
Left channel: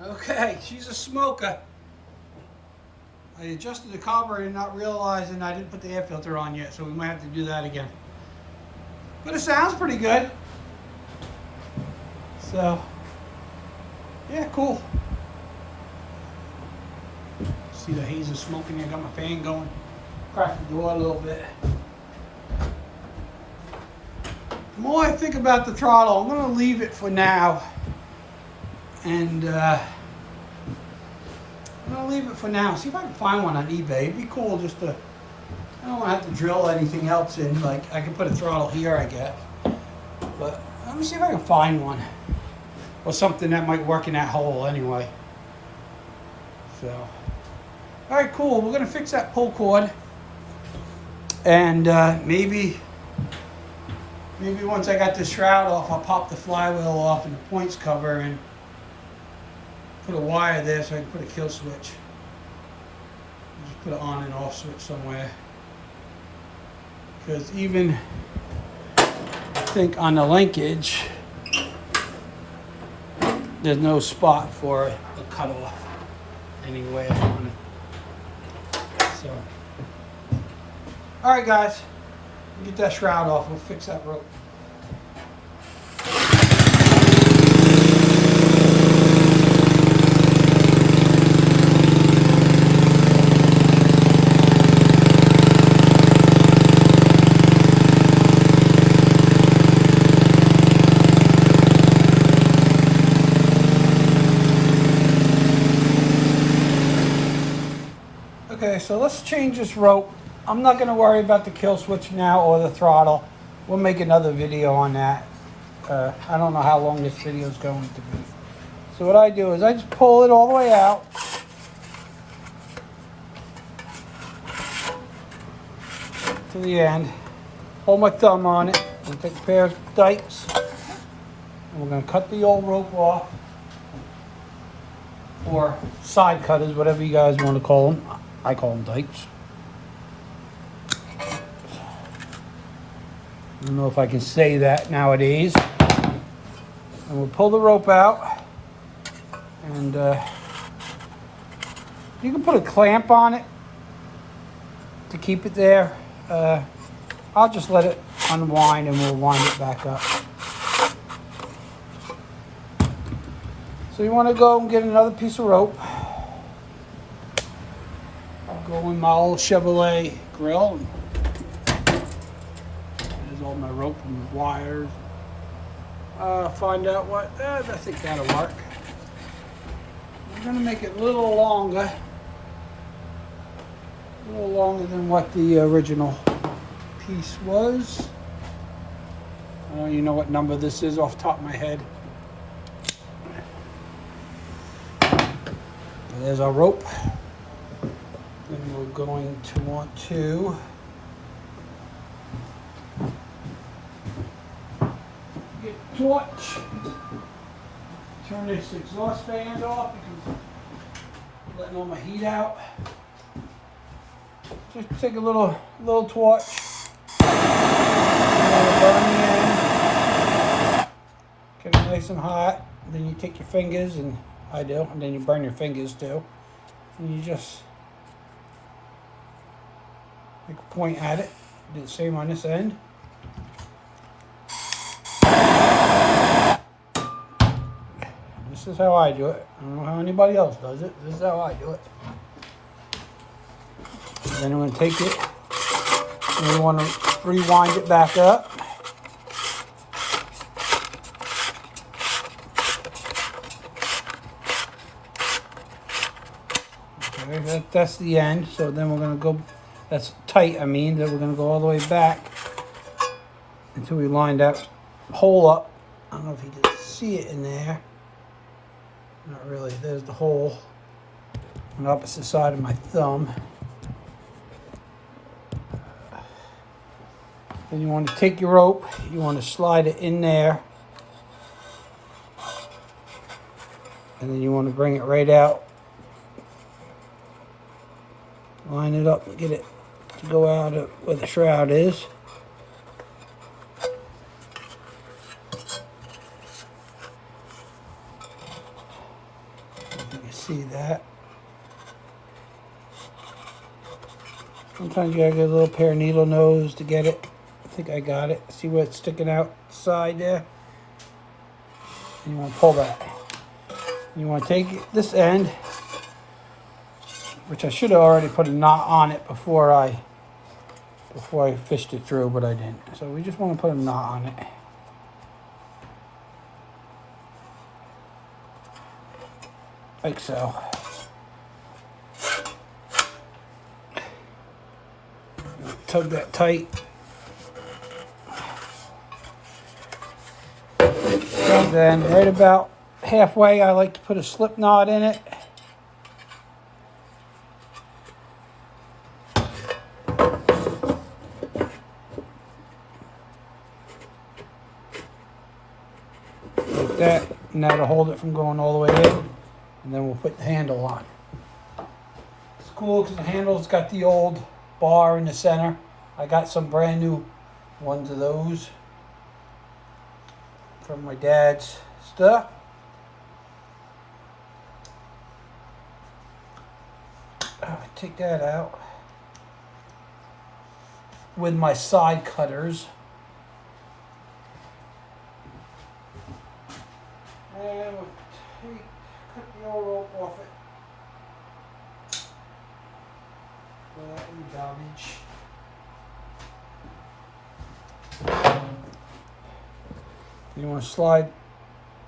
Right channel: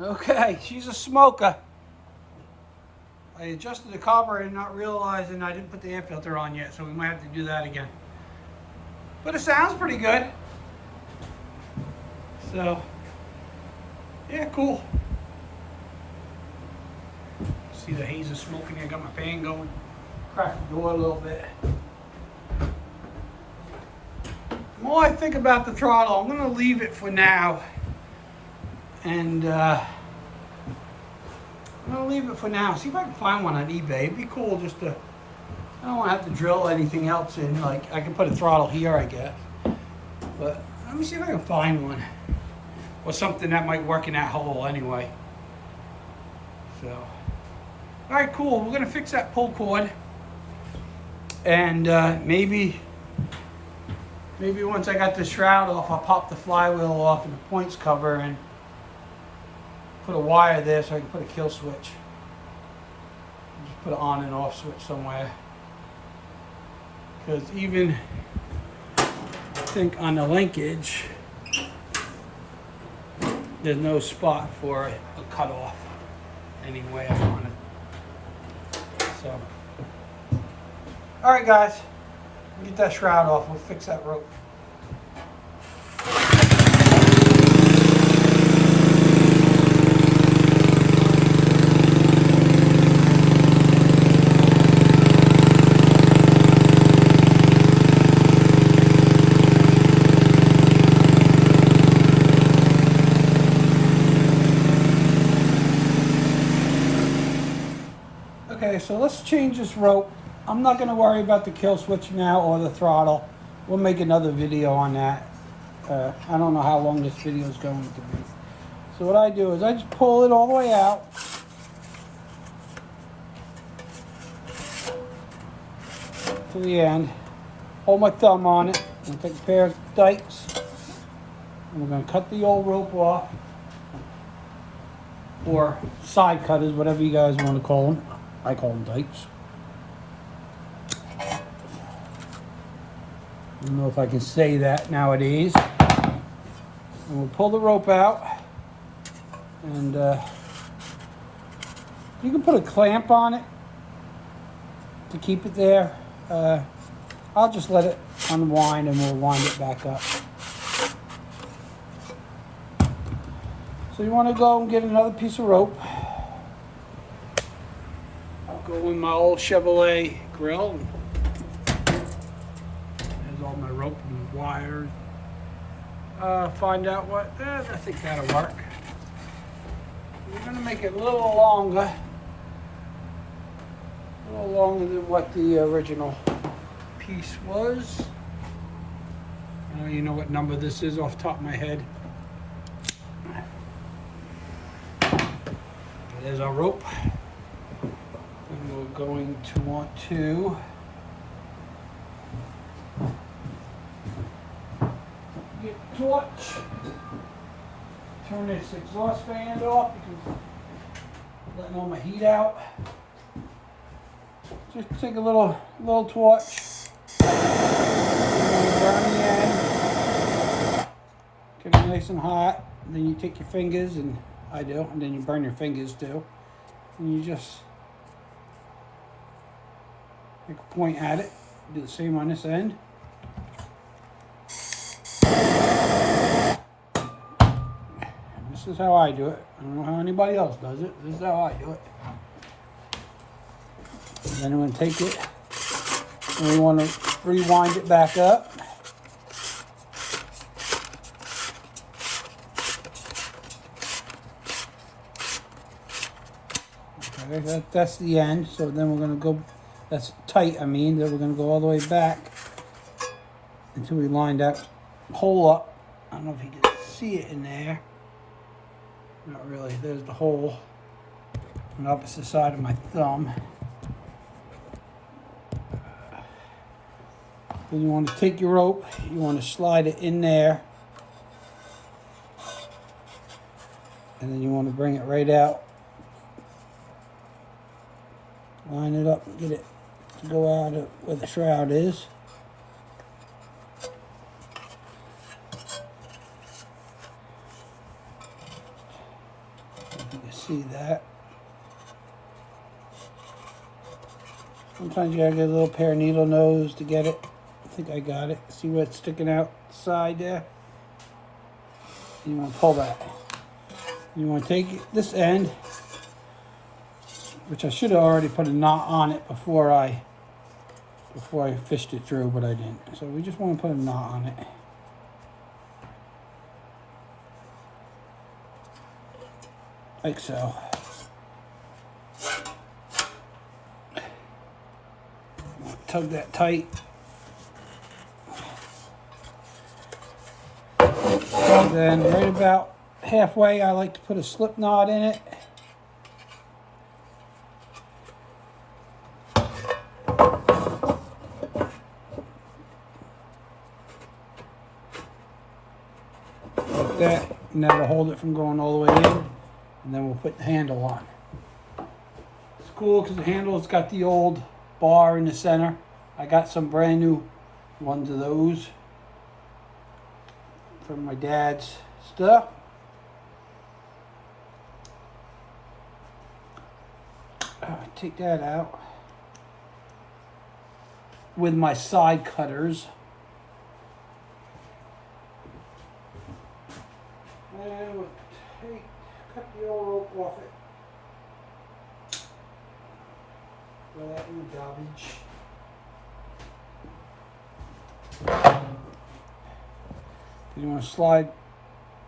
Okay, she's a smoker. I adjusted the carburetor not realizing I didn't put the air filter on yet, so we might have to do that again. But it sounds pretty good. So, yeah, cool. See the haze of smoking here. Got my fan going. Crack the door a little bit. The more I think about the throttle, I'm going to leave it for now. And I'm going to leave it for now. See if I can find one on eBay. It'd be cool just to, I don't want to have to drill anything else in. Like, I can put a throttle here, I guess. But let me see if I can find one. Or something that might work in that hole anyway. So, all right, cool. We're going to fix that pull cord. And maybe once I got the shroud off, I'll pop the flywheel off and the points cover and put a wire there so I can put a kill switch. Just put an on and off switch somewhere. Because even I think on the linkage, there's no spot for a cutoff anywhere on it. So, all right, guys, we'll get that shroud off. We'll fix that rope. Okay, so let's change this rope. I'm not going to worry about the kill switch now or the throttle. We'll make another video on that. I don't know how long this video is going to be. So what I do is I just pull it all the way out. To the end. Hold my thumb on it. And take a pair of dikes. And we're going to cut the old rope off. Or side cutters, whatever you guys want to call them. I call them dikes. I don't know if I can say that nowadays. And we'll pull the rope out. And you can put a clamp on it to keep it there. I'll just let it unwind and we'll wind it back up. So you want to go and get another piece of rope. I'll go in my old Chevrolet grill. There's all my rope and wires. Find out what, I think that'll work. We're going to make it a little longer than what the original piece was. I don't even know what number this is off the top of my head. There's our rope. And we're going to want to get a torch. Turn this exhaust fan off because I'm letting all my heat out. Just take a little torch. Get it nice and hot. Then you take your fingers, and I do, and then you burn your fingers too. And you just make a point at it. Do the same on this end. This is how I do it. I don't know how anybody else does it. This is how I do it. And then you want to take it and you want to rewind it back up. Okay, that's the end. So then we're going to go, that's tight, I mean, then we're going to go all the way back until we line that hole up. I don't know if you can see it in there. Not really. There's the hole on the opposite side of my thumb. Then you want to take your rope, you want to slide it in there, and then you want to bring it right out. Line it up and get it to go out of where the shroud is. see that. Sometimes you have to get a little pair of needle nose to get it. I think I got it. See where it's sticking out side there? And you want to pull that. You want to take this end, which I should have already put a knot on it before I fished it through, but I didn't. So we just want to put a knot on it. Like so. Tug that tight. And then right about halfway, I like to put a slip knot in it. Like that, and that'll hold it from going all the way in. And then we'll put the handle on. It's cool because the handle's got the old bar in the center. I got some brand new ones of those from my dad's stuff. Take that out with my side cutters. And we'll cut the old rope off it. Throw that in the garbage. You want to slide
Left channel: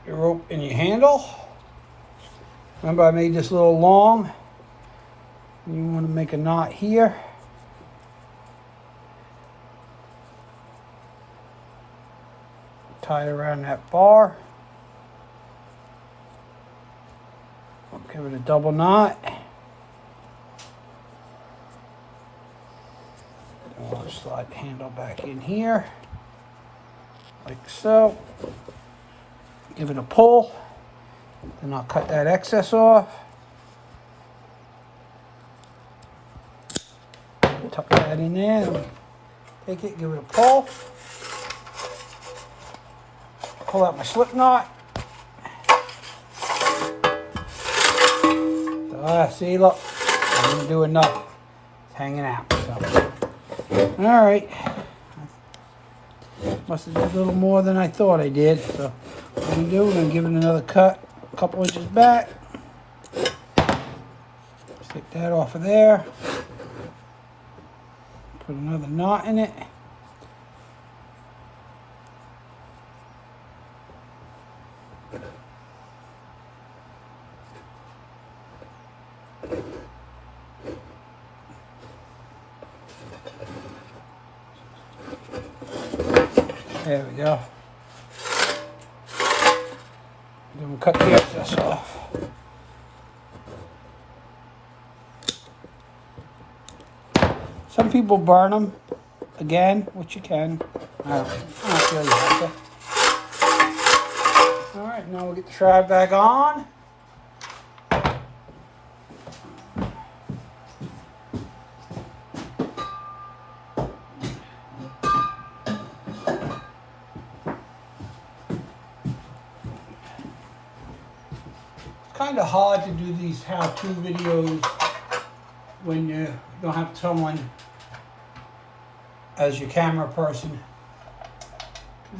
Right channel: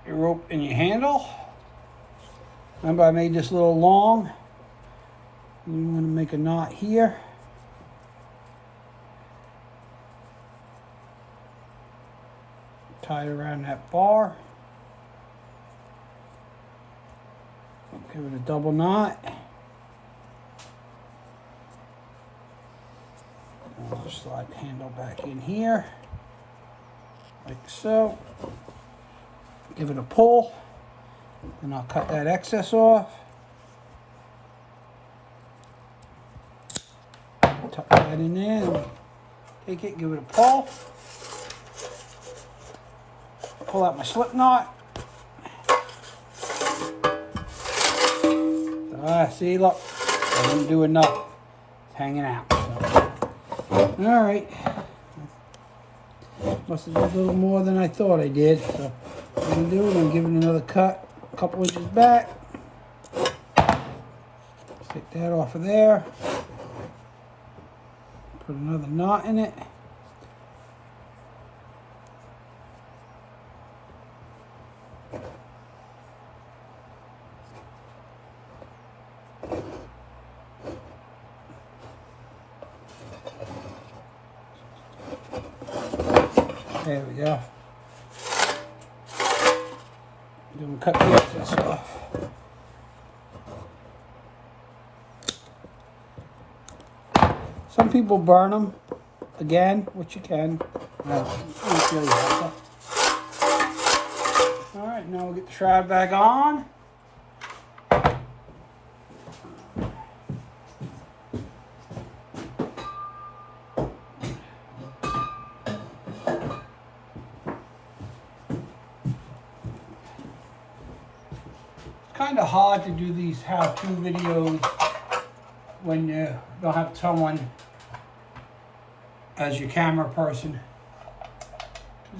your rope in your handle. Remember, I made this a little long. You want to make a knot here. Tie it around that bar. Give it a double knot. I'll slide the handle back in here, like so. Give it a pull. Then I'll cut that excess off. Tuck that in there. Take it, give it a pull. Pull out my slip knot. See, look, I didn't do enough. It's hanging out. So. All right. Must have done a little more than I thought I did. So what we're going to do, we're going to give it another cut, a couple inches back. Stick that off of there. Put another knot in it. There we go. Then we'll cut the excess off. Some people burn them again, which you can. Alright, now we'll get the shroud back on. Kind of hard to do these how-to videos when you don't have someone as your camera person.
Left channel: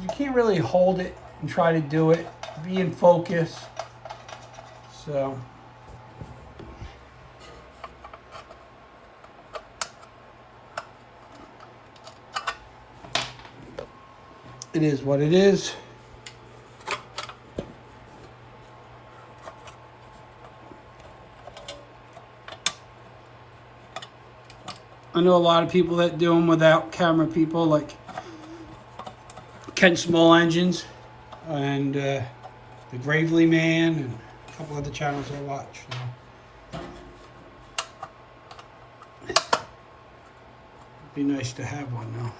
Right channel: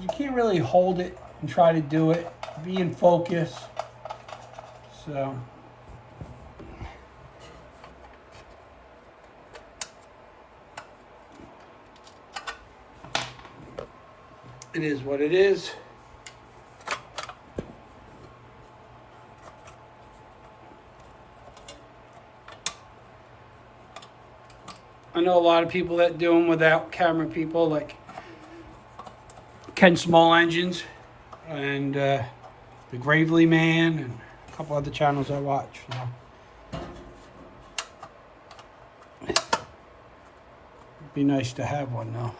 You can't really hold it and try to do it, be in focus. So it is what it is. I know a lot of people that do them without camera people, like Ken Small Engines and the Gravely Man and a couple other channels I watch. So. It'd be nice to have one though.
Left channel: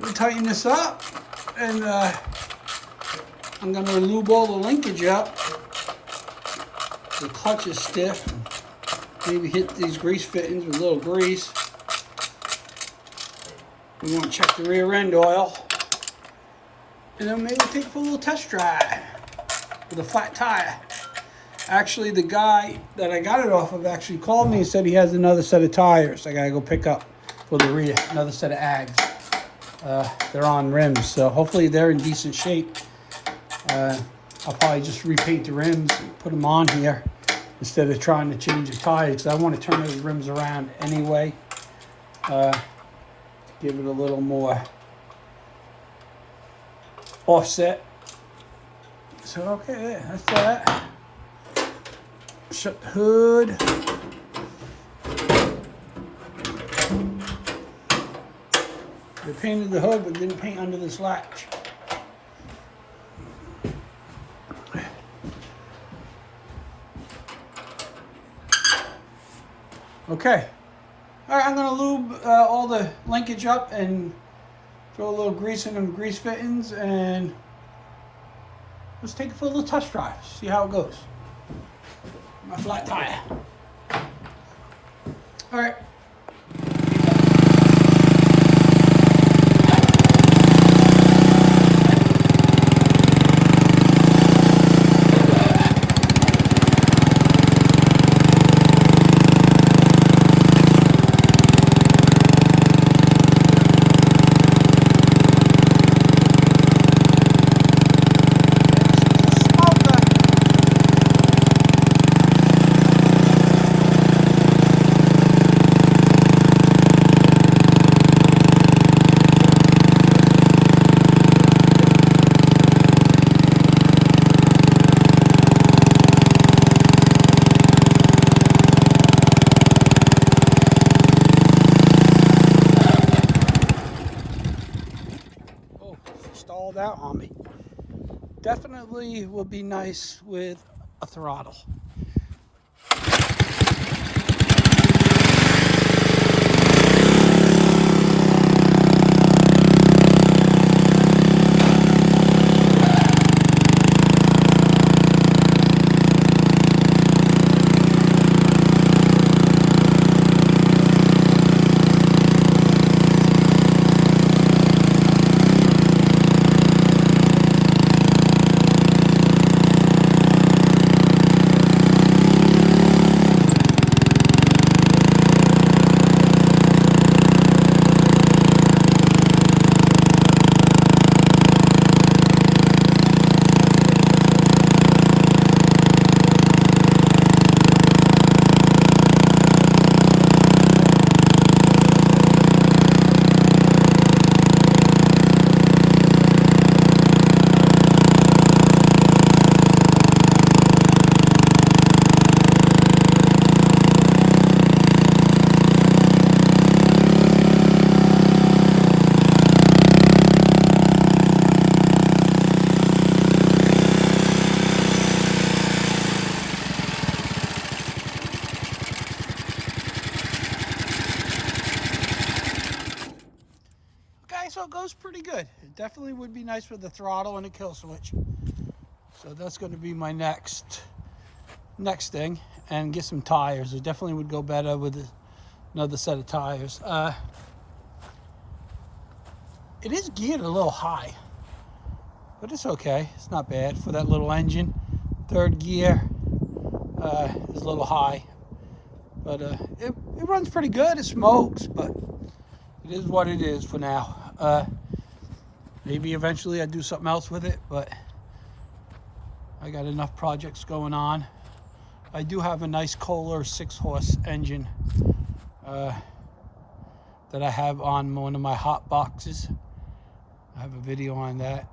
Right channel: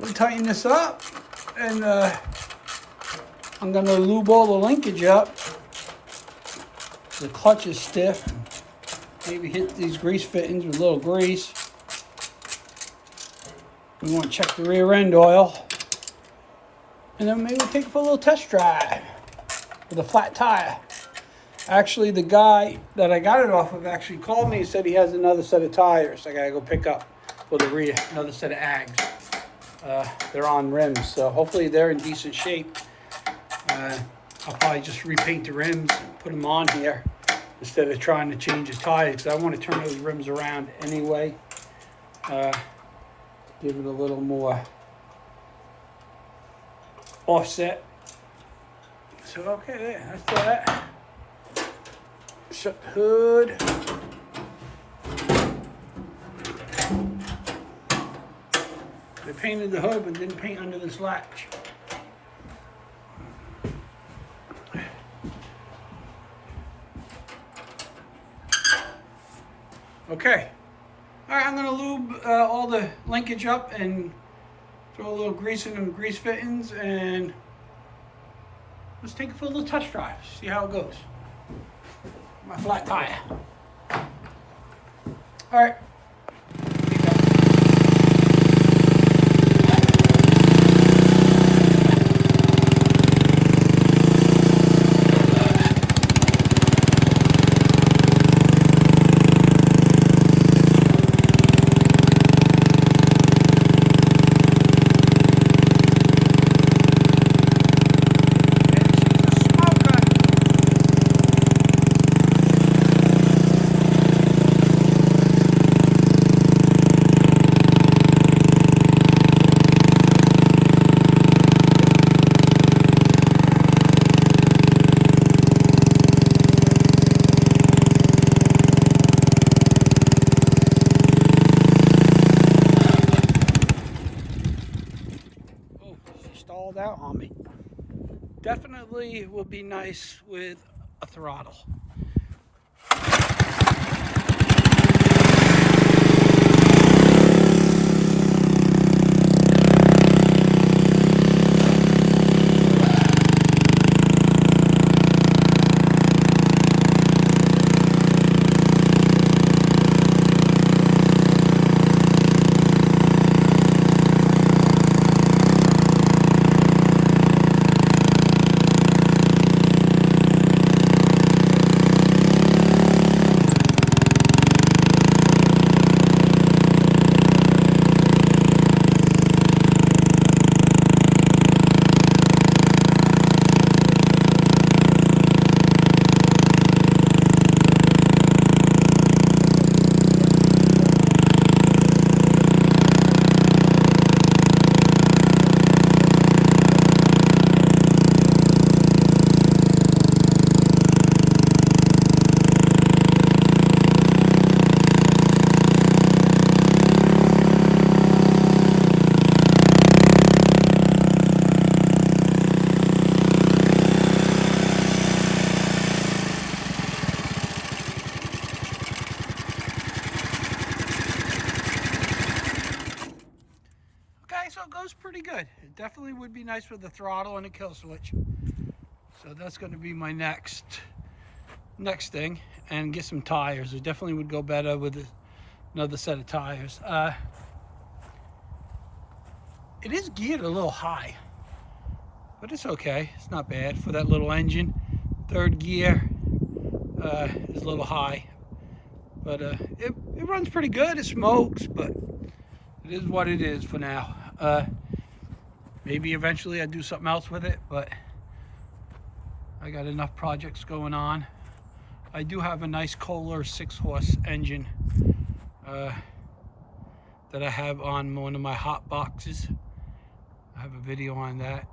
We'll tighten this up, and I'm going to lube all the linkage up. The clutch is stiff. Maybe hit these grease fittings with a little grease. We want to check the rear end oil. And then maybe take it for a little test drive with a flat tire. Actually, the guy that I got it off of actually called me and said he has another set of tires I gotta go pick up for the rear, another set of Ags. They're on rims, so hopefully they're in decent shape. I'll probably just repaint the rims and put them on here instead of trying to change the tires, because I want to turn those rims around anyway. Give it a little more offset. So okay, that's that. Shut the hood. I painted the hood but didn't paint under this latch. Okay. Alright, I'm going to lube all the linkage up and throw a little grease in the grease fittings, and let's take it for a little test drive, see how it goes. My flat tire. Alright. Out on me. Definitely will be nice with a throttle. So it goes pretty good. It definitely would be nice with the throttle and a kill switch. So that's going to be my next thing, and get some tires. It definitely would go better with another set of tires. It is geared a little high, but it's okay. It's not bad for that little engine. Third gear is a little high, but it runs pretty good. It smokes, but it is what it is for now. Maybe eventually I'd do something else with it, but I got enough projects going on. I do have a nice Kohler 6-horse engine that I have on one of my hot boxes. I have a video on that.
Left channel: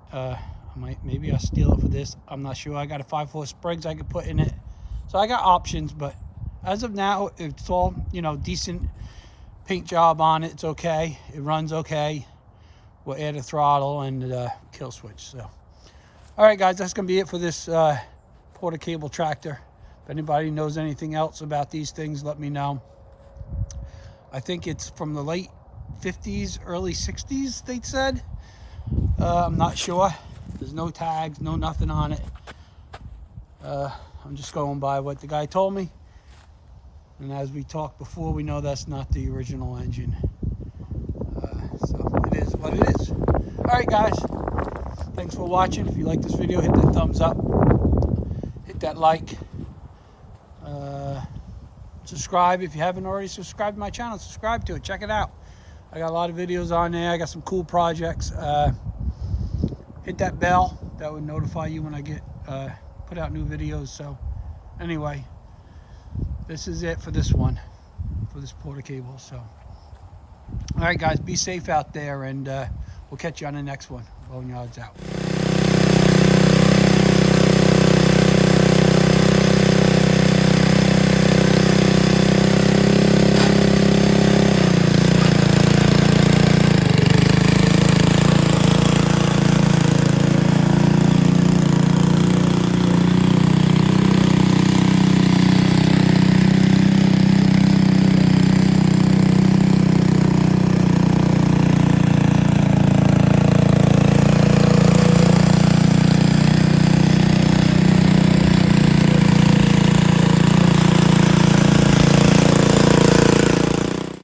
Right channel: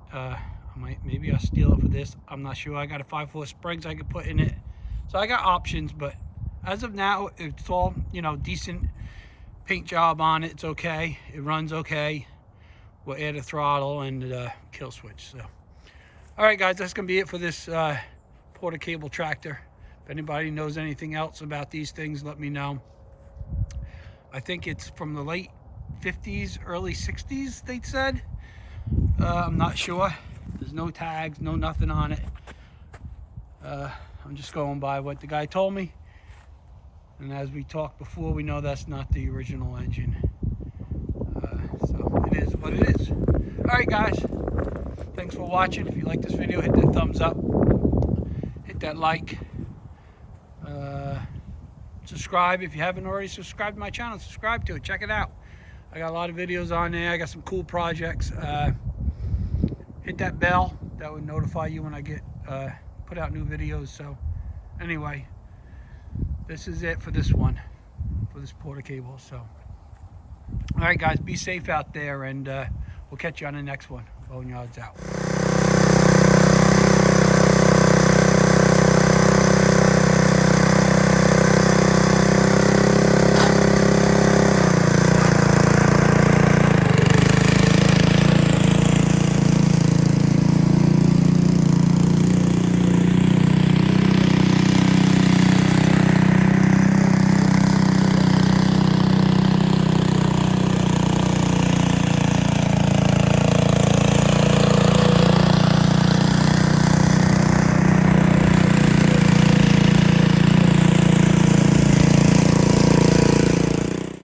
Maybe I'll steal it for this. I'm not sure. I got a 5/4 Springs I could put in it. So I got options, but as of now, it's all, decent paint job on it. It's okay. It runs okay. We'll add a throttle and kill switch. So, all right, guys, that's gonna be it for this Porter cable tractor. If anybody knows anything else about these things, let me know. I think it's from the late 50s, early 60s, they said. I'm not sure. There's no tags, no nothing on it. I'm just going by what the guy told me. And as we talked before, we know that's not the original engine. So it is what it is. All right, guys. Thanks for watching. If you like this video, hit that thumbs up. Hit that like. Subscribe if you haven't already subscribed to my channel. Subscribe to it. Check it out. I got a lot of videos on there. I got some cool projects. Hit that bell. That would notify you when I get put out new videos. So anyway, this is it for this one, for this Porter cable. So all right, guys, be safe out there, and we'll catch you on the next one. Boneyards out.